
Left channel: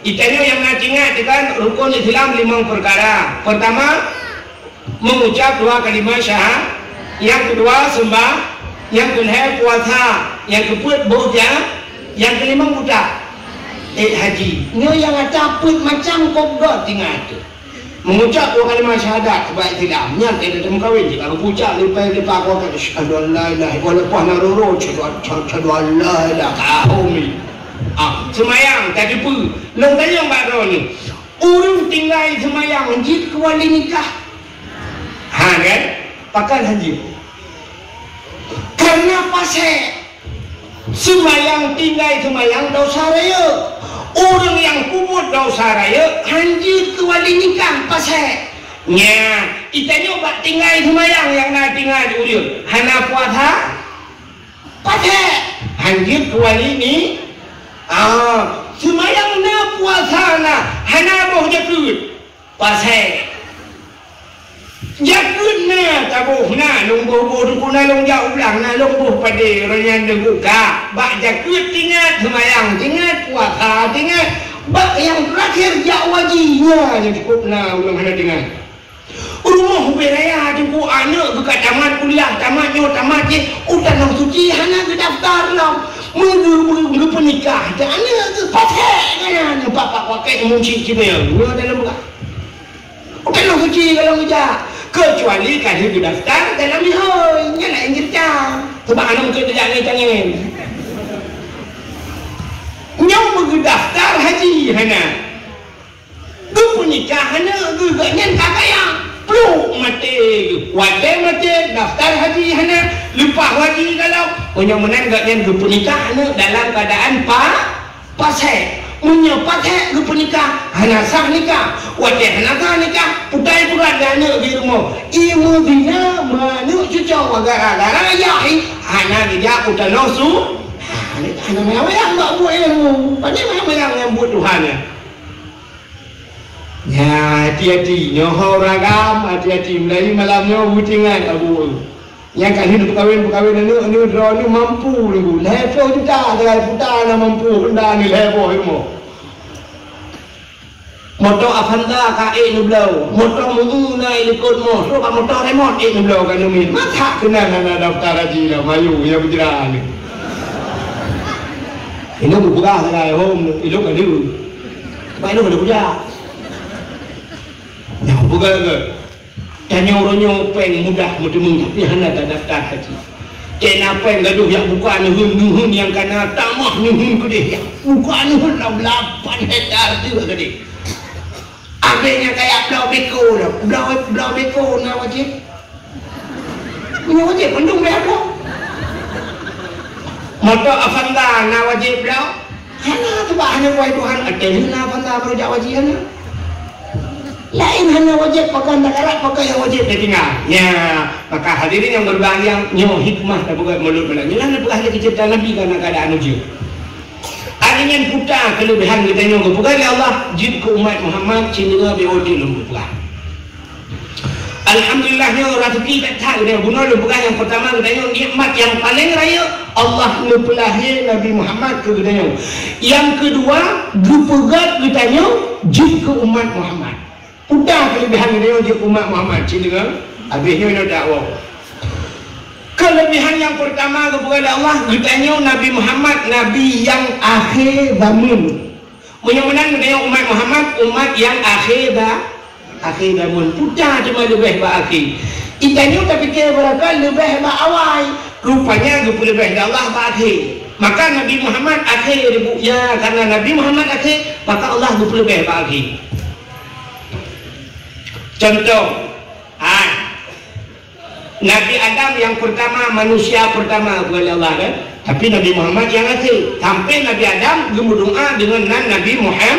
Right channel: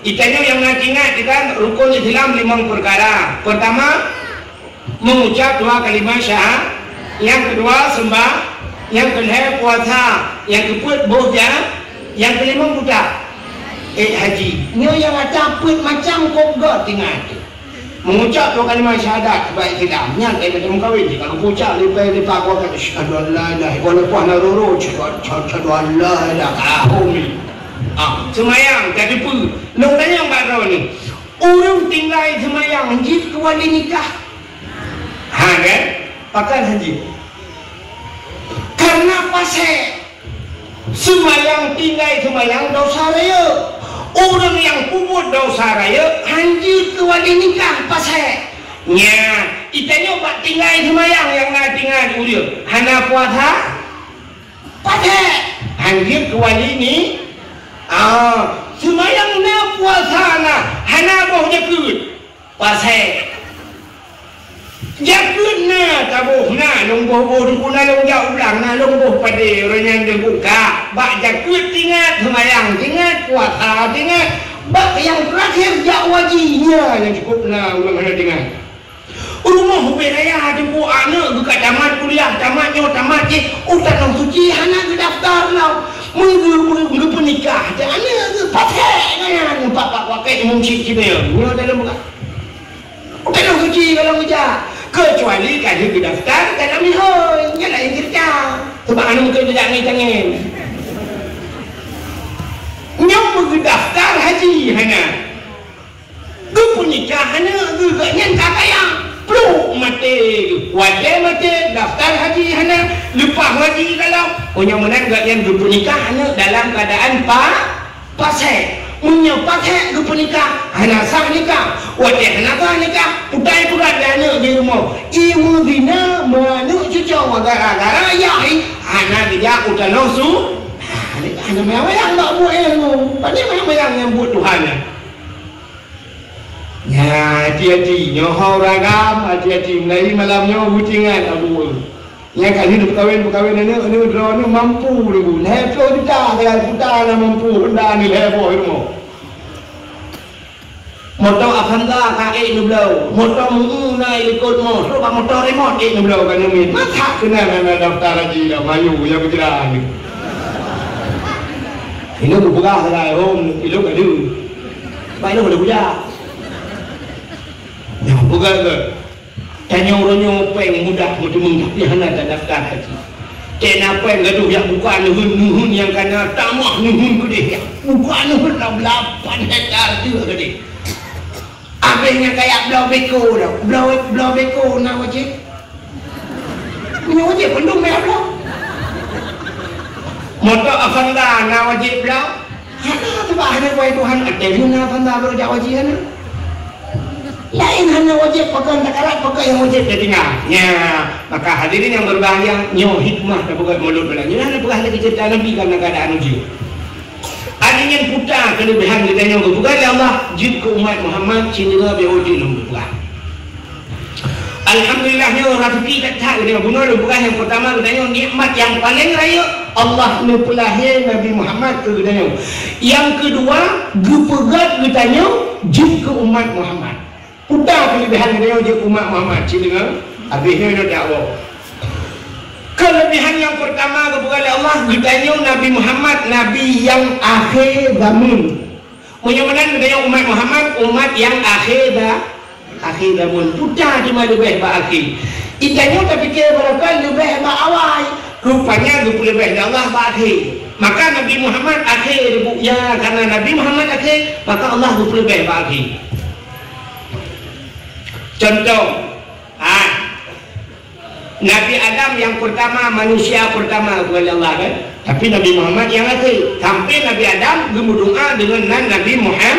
Kitanya yang ingat kan rukun Islam 5 perkara. Pertama, mengucap 2 kalimat syahadat. Yang kedua, sembah. Yang kedua, puasa. Yang kedua, boja. Yang kelima, budak. Haji. Ini yang ada pun macam kogok tinggal tu. Mengucap 2 kalimat syahadat baik Islam yang kita temu kahwin kalau ucap lepas kau kata syahadu an la ilaha illallah wa syahadu an la ilaha illallah semayang tak tipu long tanya mbak Raw ni orang tinggal semayang haji kuali nikah kan pakai haji karena pasal semayang tinggal semayang dosa raya. Orang yang kumut dosa raya haji kuali nikah pasal nya itanya buat tinggal semayang yang nak tinggal dulu hana puasa pasal haji kuali ni semayang na puasa na hana boh jakut pasal jakut na tabuh na lungguh kuna long jauh belang na lungguh pada orang yang juga bak jakut tinggal semayang tinggal puasa tinggal bak yang terakhir jak wajinya yang cukup na ulang hana tinggal rumah beraya jumpa anak buka tamat kuliah tamat je utan nang suci hana ke daftar lah menggu penikah dan anak ke pakai bapak pakai musik cibel mula dalam buka utan nang suci kalau ujar kecuali kasih ke daftar dalam mihoi nyala yang kerja sebab anak untuk tidak tangan nyam ke daftar haji hana du penikah hana juga nyen tak payah peluk mati wadah mati daftar haji hana lepas haji kalau yang mana juga yang du penikah hana dalam keadaan pasal Menyapakai ke penikah, hanya sah nikah, wajah hana nikah, putai pula dana di rumah. Ibu bina manu cucu gara-gara yai, hana dia udah losu. Hanya yang nak buat ilmu, tadi memang yang buat Tuhannya. Ya, hati-hati, nyohor ragam, hati-hati. Mulai malamnya hutingan, aduh. Yang kali hidup berkahwin ni mampu dulu. Lepas kita putar mampu hendak ni lepas ilmu. Motor Avanda kae ni belau, motor mungu na ikut mo, sebab motor remote ni belau kan ni. Macam kena daftar haji dah Melayu yang berjalan ni. Ini bukan saya, orang itu kan dia. Tak ini boleh kerja. Yang bukan ke? Tanya orangnya peng mudah mudah tapi hanya tak daftar haji. Kena peng gaduh yang bukan nuhun yang kena tamak nuhun gede. Bukan nuhun 8 hektar tu gede. Abangnya kayak belau beko dah. Belau beko nak wajib. Ini wajib belum dah belau. Maka Avanda nak wajib belau. Hanya hanya wajib Tuhan ada guna Avanda berjaya wajib ni. Lain hanya wajib pakai tak kalah pakai yang wajib dia tinggal. Ya, maka hadirin yang berbahagia nyawa hikmah tak bukan mulut belanya. Jangan bukan lagi cerita Nabi dalam keadaan ujian. Adanya putar kelebihan kita yang bukan Allah jid ke umat Muhammad cinta beodin Allah. Alhamdulillahnya orang rezeki tak tahu dia bunuh bukan yang pertama katanya nikmat yang paling raya Allah mempelahir Nabi Muhammad ke katanya. Yang kedua dipegat katanya jid ke umat Muhammad. Putar kelebihan dia jid ke umat Muhammad cinta habisnya dia dakwah. Kelebihan yang pertama kepada Allah ditanya Nabi Muhammad Nabi yang akhir zaman. Menyamakan dengan umat Muhammad umat yang akhir zaman. Putar cuma lebih akhir. Itanya tak fikir berapa lebih awal. Rupanya lebih Allah akhir. Maka Nabi Muhammad akhir ya karena Nabi Muhammad akhir maka Allah lebih akhir. Contoh Nabi Adam yang pertama, manusia pertama kepada Allah kan? Tapi Nabi Muhammad yang akhir. Sampai Nabi Adam berdoa dengan Nabi Muhammad.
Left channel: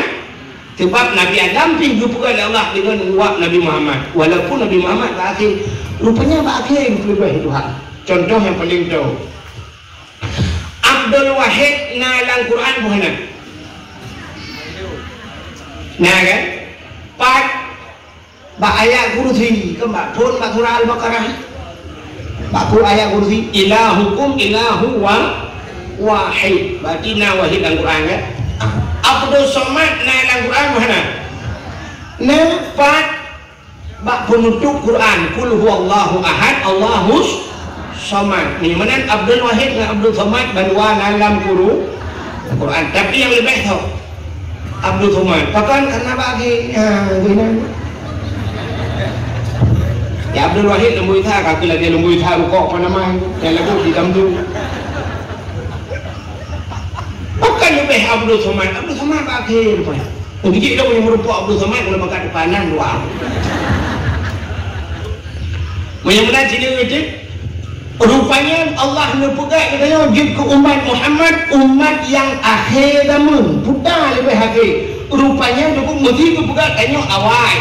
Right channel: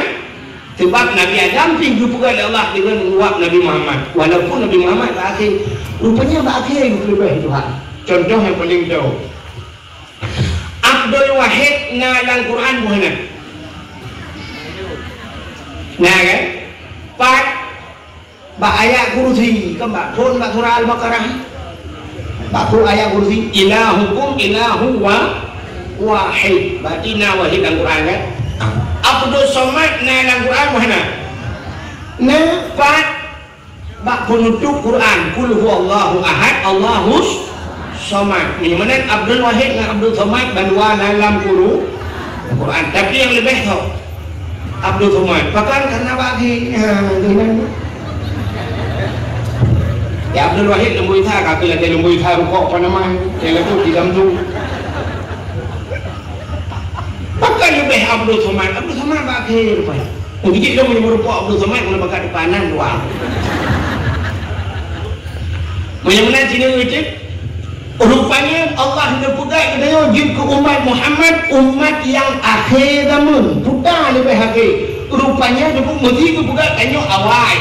Sebab Nabi Adam pergi kepada Allah dengan uap Nabi Muhammad. Walaupun Nabi Muhammad akhir, rupanya akhir berubah Tuhan. Contoh yang paling jauh. Abdul Wahid dalam Quran mana? Nah kan? Part ayat kursi, kembali pun surah Al-Baqarah. Baku ayat kursi ilahukum ilahu wahid. Berarti na wahid dalam Quran kan? Abdul Somad na dalam Quran mana? Nampak bak penutup Quran kul huwallahu ahad Allahus Somad. Ini mana Abdul Wahid dan Abdul Somad berdua dalam Quran. Tapi yang lebih tahu Abdul Somad. Pakan karena bagi ya Abdul Wahid lembu ithar apabila dia lembu ithar rukuk apa nama yang lebih di dalam tu bukan lebih Abdul Somad akhir mungkin dia boleh merupuk Abdul Somad kalau bakat depanan luar menyebutkan sini wajib rupanya Allah mempunyai katanya wajib ke umat Muhammad umat yang akhir zaman bukan lebih akhir rupanya dia pun mesti kebuka tanya awal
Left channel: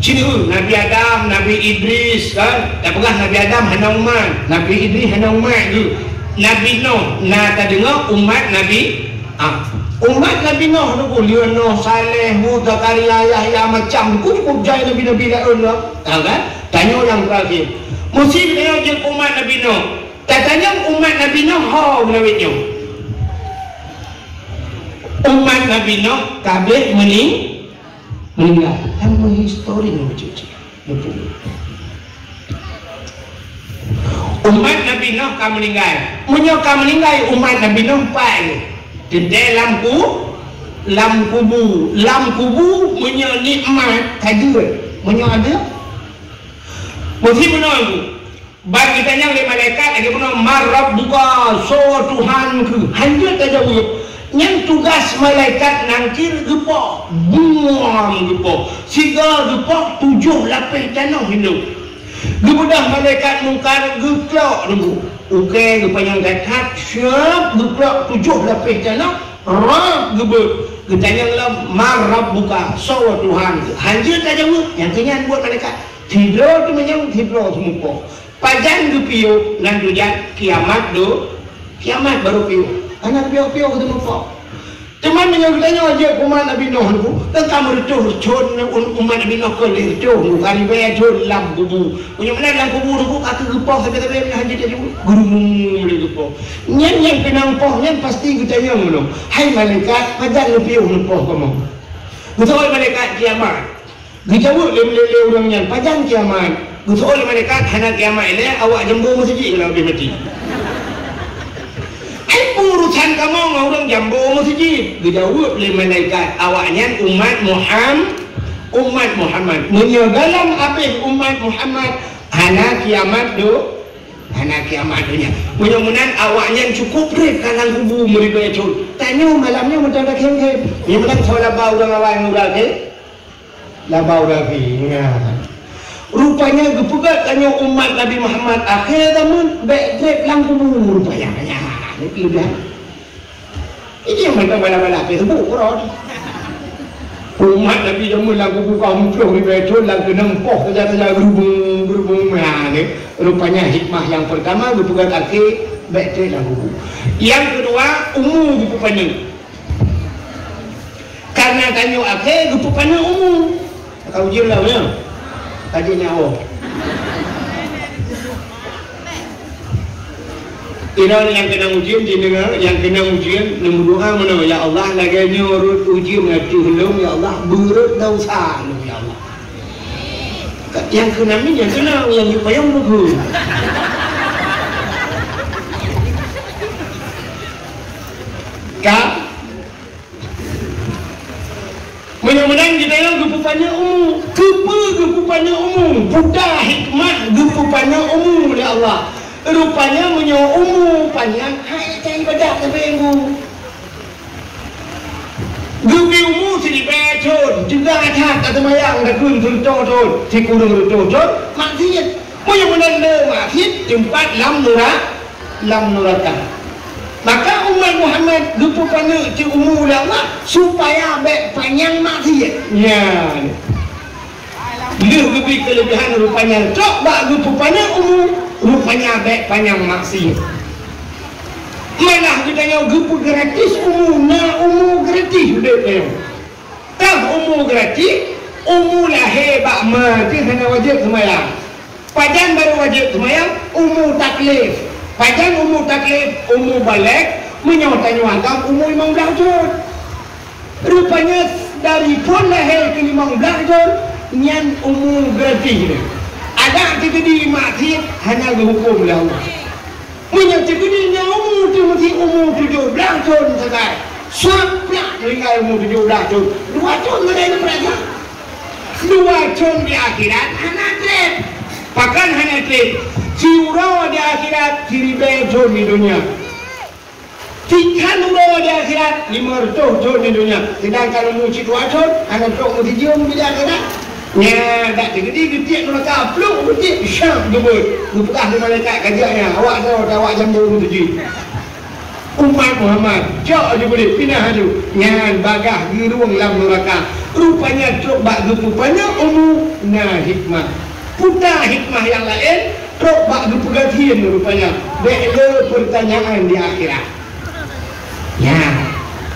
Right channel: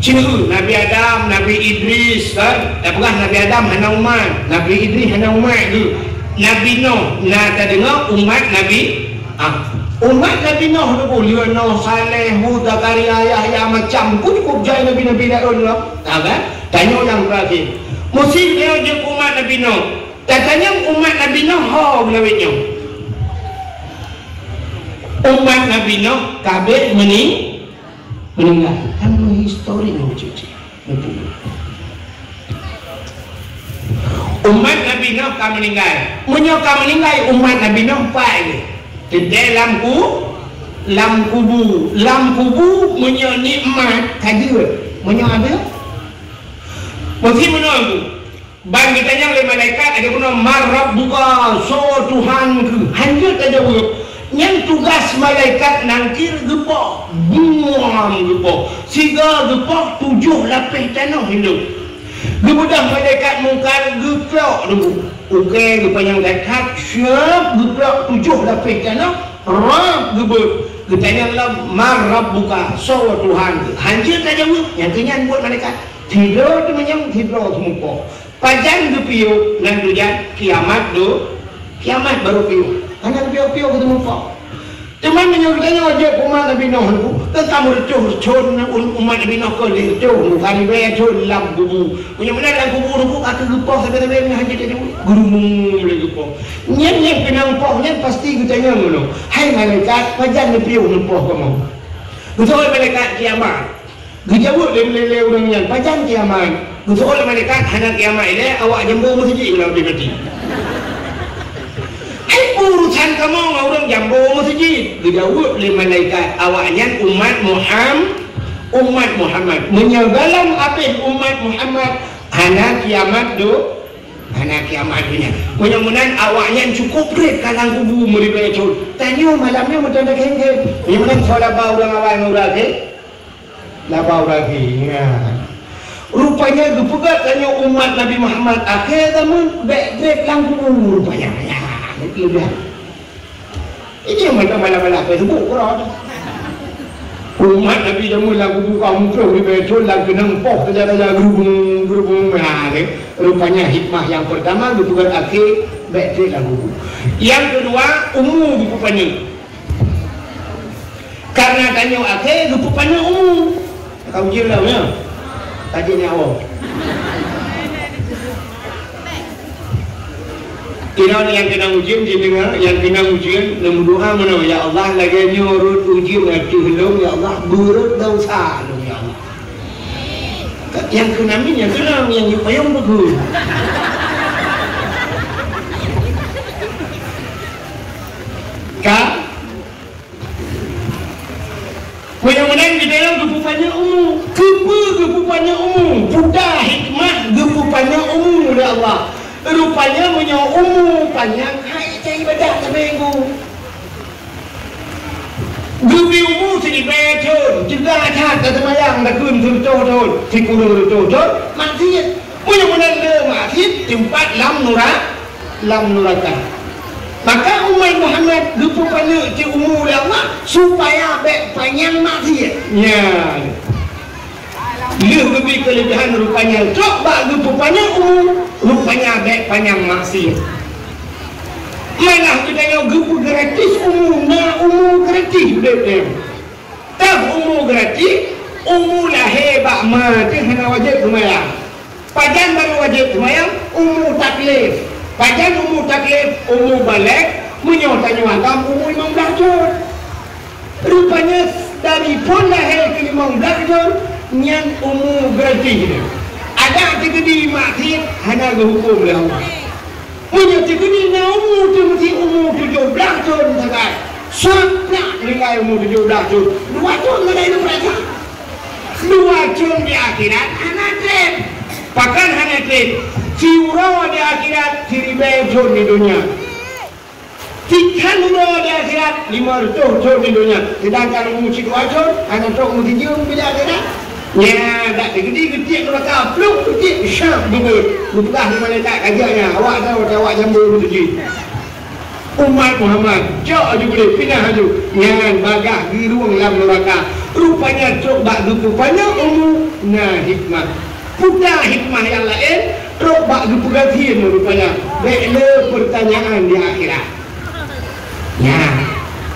Cina Nabi Adam, Nabi Idris kan? Tak pernah Nabi Adam hanya umat, Nabi Idris hanya umat je. Nabi Nuh, nak dengar umat Nabi umat Nabi Nuh tu pun Nuh, Saleh, Hud, Zakaria, Yahya macam pun cukup jaya Nabi Daud lah. Tahu kan? Tanya orang terakhir. Mesti dia je umat Nabi Nuh. Katanya umat Nabi Nuh, Nabi Nuh. Umat Nabi Nuh kabeh meninggal. Kan histori ni macam tu. Umat Nabi Nuh kan meninggal. Menyokong meninggal umat Nabi Nuh pai. Di dalam kubu menyo nikmat hadir. Menyo ada. Mesti menunggu. Bagi tanya oleh malaikat ada guna marabbuka so Tuhanku. Hanya tajawab. Yang tugas malaikat nangkir gepok buang gepok siga gepok 7 lapis tanah hidup gebedah malaikat mungkar geplok dulu okey rupanya malaikat siap geplok 7 lapis tanah Rabb dia tanya Allah, "Ma rabbuka?" Soal Tuhan. Hancur tak jawab. Yang tanya buat malaikat. Tidur tu macam tidur semua. Pajang tu piu ngan rujak kiamat tu. Kiamat baru piu. Anak piu-piu ketemu kau. Teman menyebutnya aja umat Nabi Nuh tentang mercuh cun umat Nabi Nuh kelih cun kami bayar cun lam kubu punya mana lam kubu tu kata gepok segala lain haji dia gurung boleh gepok nyen kena gepok nyen pasti kita yang ngono hai malaikat pajang lebih gepok kamu betul malaikat kiamat dijawab lele orang nyen pajang kiamat betul malaikat hanya kiamat ile awak jembo masjid kalau dia mati urusan kamu orang jambu masjid dijawab oleh malaikat awaknya umat Muhammad menyebalam apa umat Muhammad hana kiamat dunia mudah-mudahan awaknya cukup berat kalang kubu mereka cun tanya malamnya macam ada kengkeng yang bilang saya labau dengan awak yang murah ke labau lagi rupanya gepugat tanya umat Nabi Muhammad akhir zaman berat kalang kubu rupanya ini yang mana-mana apa itu orang umat Nabi jamu lagu kaum pro di betul lagu nempok kerja-kerja berhubung rupanya hikmah yang pertama bukan akhir betul lagu yang kedua umum bukannya karena kanyu akhir bukannya umum kau jelas ya tadi nyawa Iran yang kena ujian didengar, yang kena ujian nombor dua mana ya Allah lagi nyurut ujian hati helom ya Allah buruk dosa ya Allah. Yang kena ni yang kena yang dipayang betul. Kan? Mudah-mudahan di dalam gepupannya umum, gepupannya umum, buddha hikmah gepupannya umum ya Allah. Rupanya punya umum panjang hai cai badak seminggu Gubi umum sini betul juga ada kata mayang dah kun tol tikul tol maksiat punya benar maksiat tempat lam nuraka maka umat Muhammad rupanya ci umum Allah supaya baik panjang maksiat ya dia lebih kelebihan rupanya coba rupanya rupanya baik panjang maksiat mana kita yang gupu gratis umum gratis udah tak umum gratis umum lah hebat mati hanya wajib semayang pajan baru wajib semayang umum taklif pajan umum taklif umum balik menyawat-nyawatkan umum 15 tahun rupanya dari pun lahir ke 15 tahun yang umum gratis ada terjadi maksiat hanya dihukum oleh Allah punya terjadi na umum tu mesti umum 17 tahun sekarang sampai mereka umum 17 tahun 2 tahun mereka mereka 2 tahun di akhirat hanya trip bahkan hanya trip ciura di akhirat ciri tahun di dunia tikan di akhirat 5 tahun di dunia sedangkan umum 2 tahun hanya tahun mesti dia umum di akhirat ya, dah gede-gede mereka peluk gede syam gitu. Lupa di malaikat kajiannya. Awak jambul tu umat Muhammad. Jauh juga boleh pindah aja. Yang bagah di ruang lam neraka. Rupanya coba rupanya nah hikmah. Bukan hikmah yang lain. Coba diperhatikan rupanya. Bela pertanyaan di akhirat. Ya.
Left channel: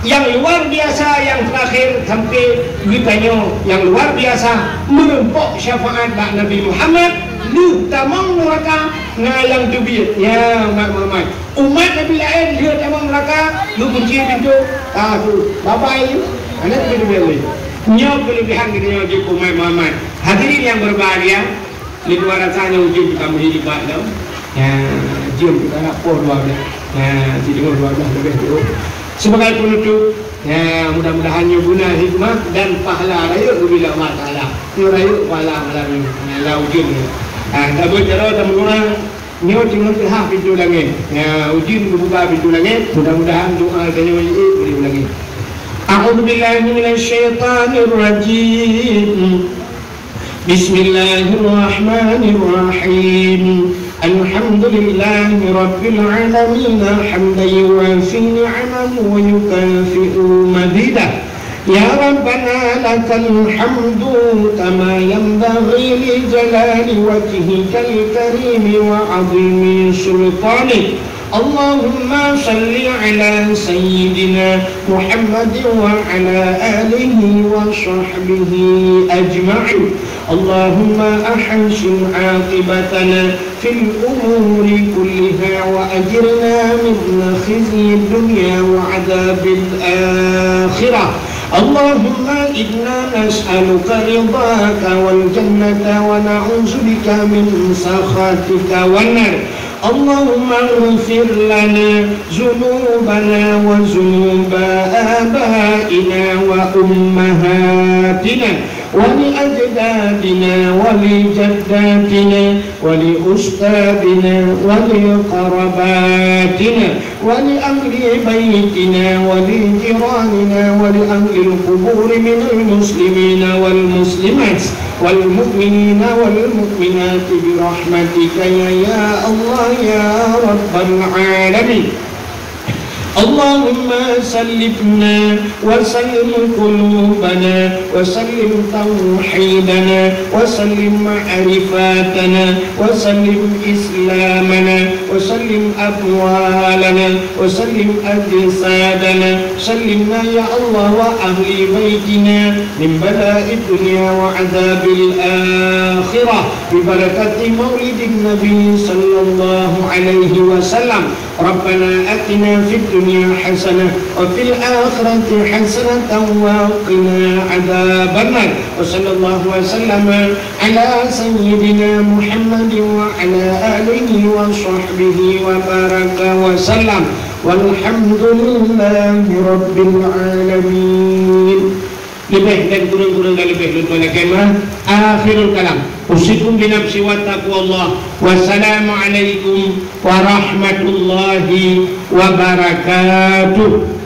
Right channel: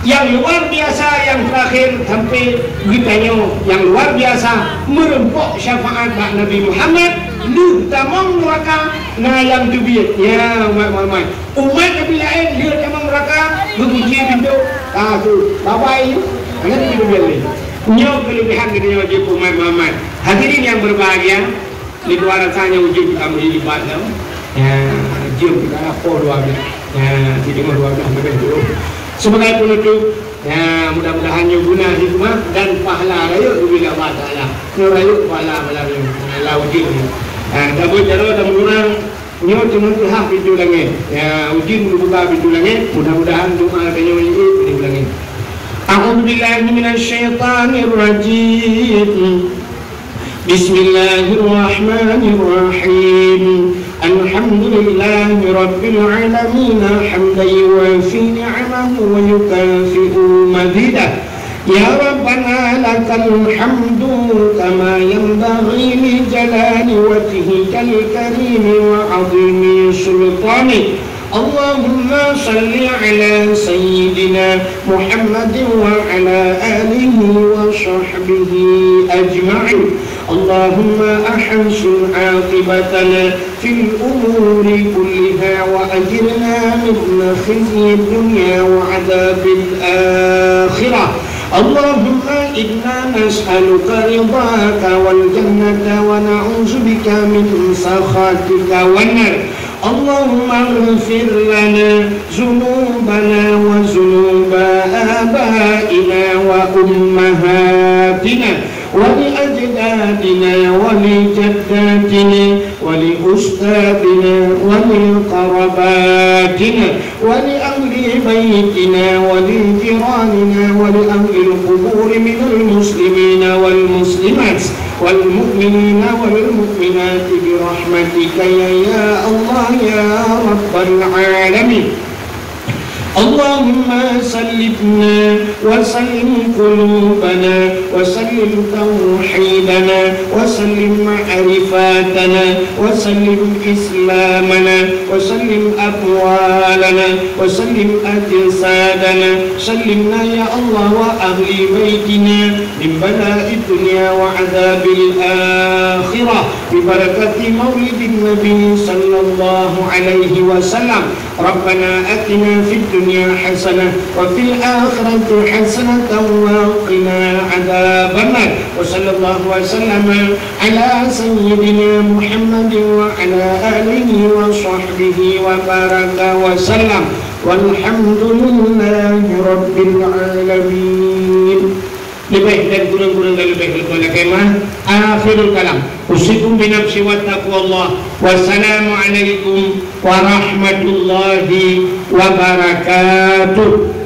Yang luar biasa yang terakhir sampai ditanya yang luar biasa merempok syafaat Nabi Muhammad lu tamam neraka ngalang dubiat ya umat Nabi lain dia tamam neraka benci pintu tu babai anak itu boleh nyaw kelebihan dia wajib umat Muhammad hadirin yang berbahagia di luar sana wujud kami di Bandung ya jom kita apa dua ya di dengan dua belas sebagai penutup ya mudah-mudahan guna hikmah dan pahala rayu bila Allah Ta'ala rayu pahala melalui wujud dabut jaro dan kurang nyot cuma hak pintu langit ya wujud berubah pintu langit mudah-mudahan doa kami di langit A'udzu billahi minasy syaithanir rajim Bismillahirrahmanirrahim Alhamdulillahi rabbil alamin hamdan yuwafi ni'amahu يكافئ مزيده يا ربنا لك الحمد كما ينبغي لجلال وجهك الكريم وعظيم سلطانك اللهم صل على سيدنا محمد وعلى آله وصحبه أجمعين اللهم أحسن عاقبتنا في الأمور كلها وأجرنا من خزي الدنيا وعذاب الآخرة اللهم إنا نسألك رضاك والجنة ونعوذ بك من سخطك والنار اللهم اغفر لنا ذنوبنا وذنوب آبائنا وأمهاتنا ولأجدادنا ولجداتنا ولأستاذنا ولقرباتنا ولأهل بيتنا ولجيراننا ولأهل القبور من المسلمين والمسلمات والمؤمنين والمؤمنات برحمتك يا الله يا رب العالمين اللهم سلمنا وسلم قلوبنا وسلم توحيدنا وسلم معرفاتنا وسلم إسلامنا وسلم أموالنا وسلم أجسادنا سلمنا يا الله وأهل بيتنا من بلاء الدنيا وعذاب الآخرة ببركة مولد النبي صلى الله عليه وسلم ربنا آتنا في الدنيا حسنة وفي الآخرة حسنة وقنا عذاب النار وصلى الله وسلم على سيدنا محمد وعلى آله وصحبه وبارك وسلم والحمد لله رب العالمين. Lebih dan kurang-kurang dan lebih kemah akhirul kalam usikum binafsi wa taqwallah wassalamualaikum warahmatullahi wabarakatuh.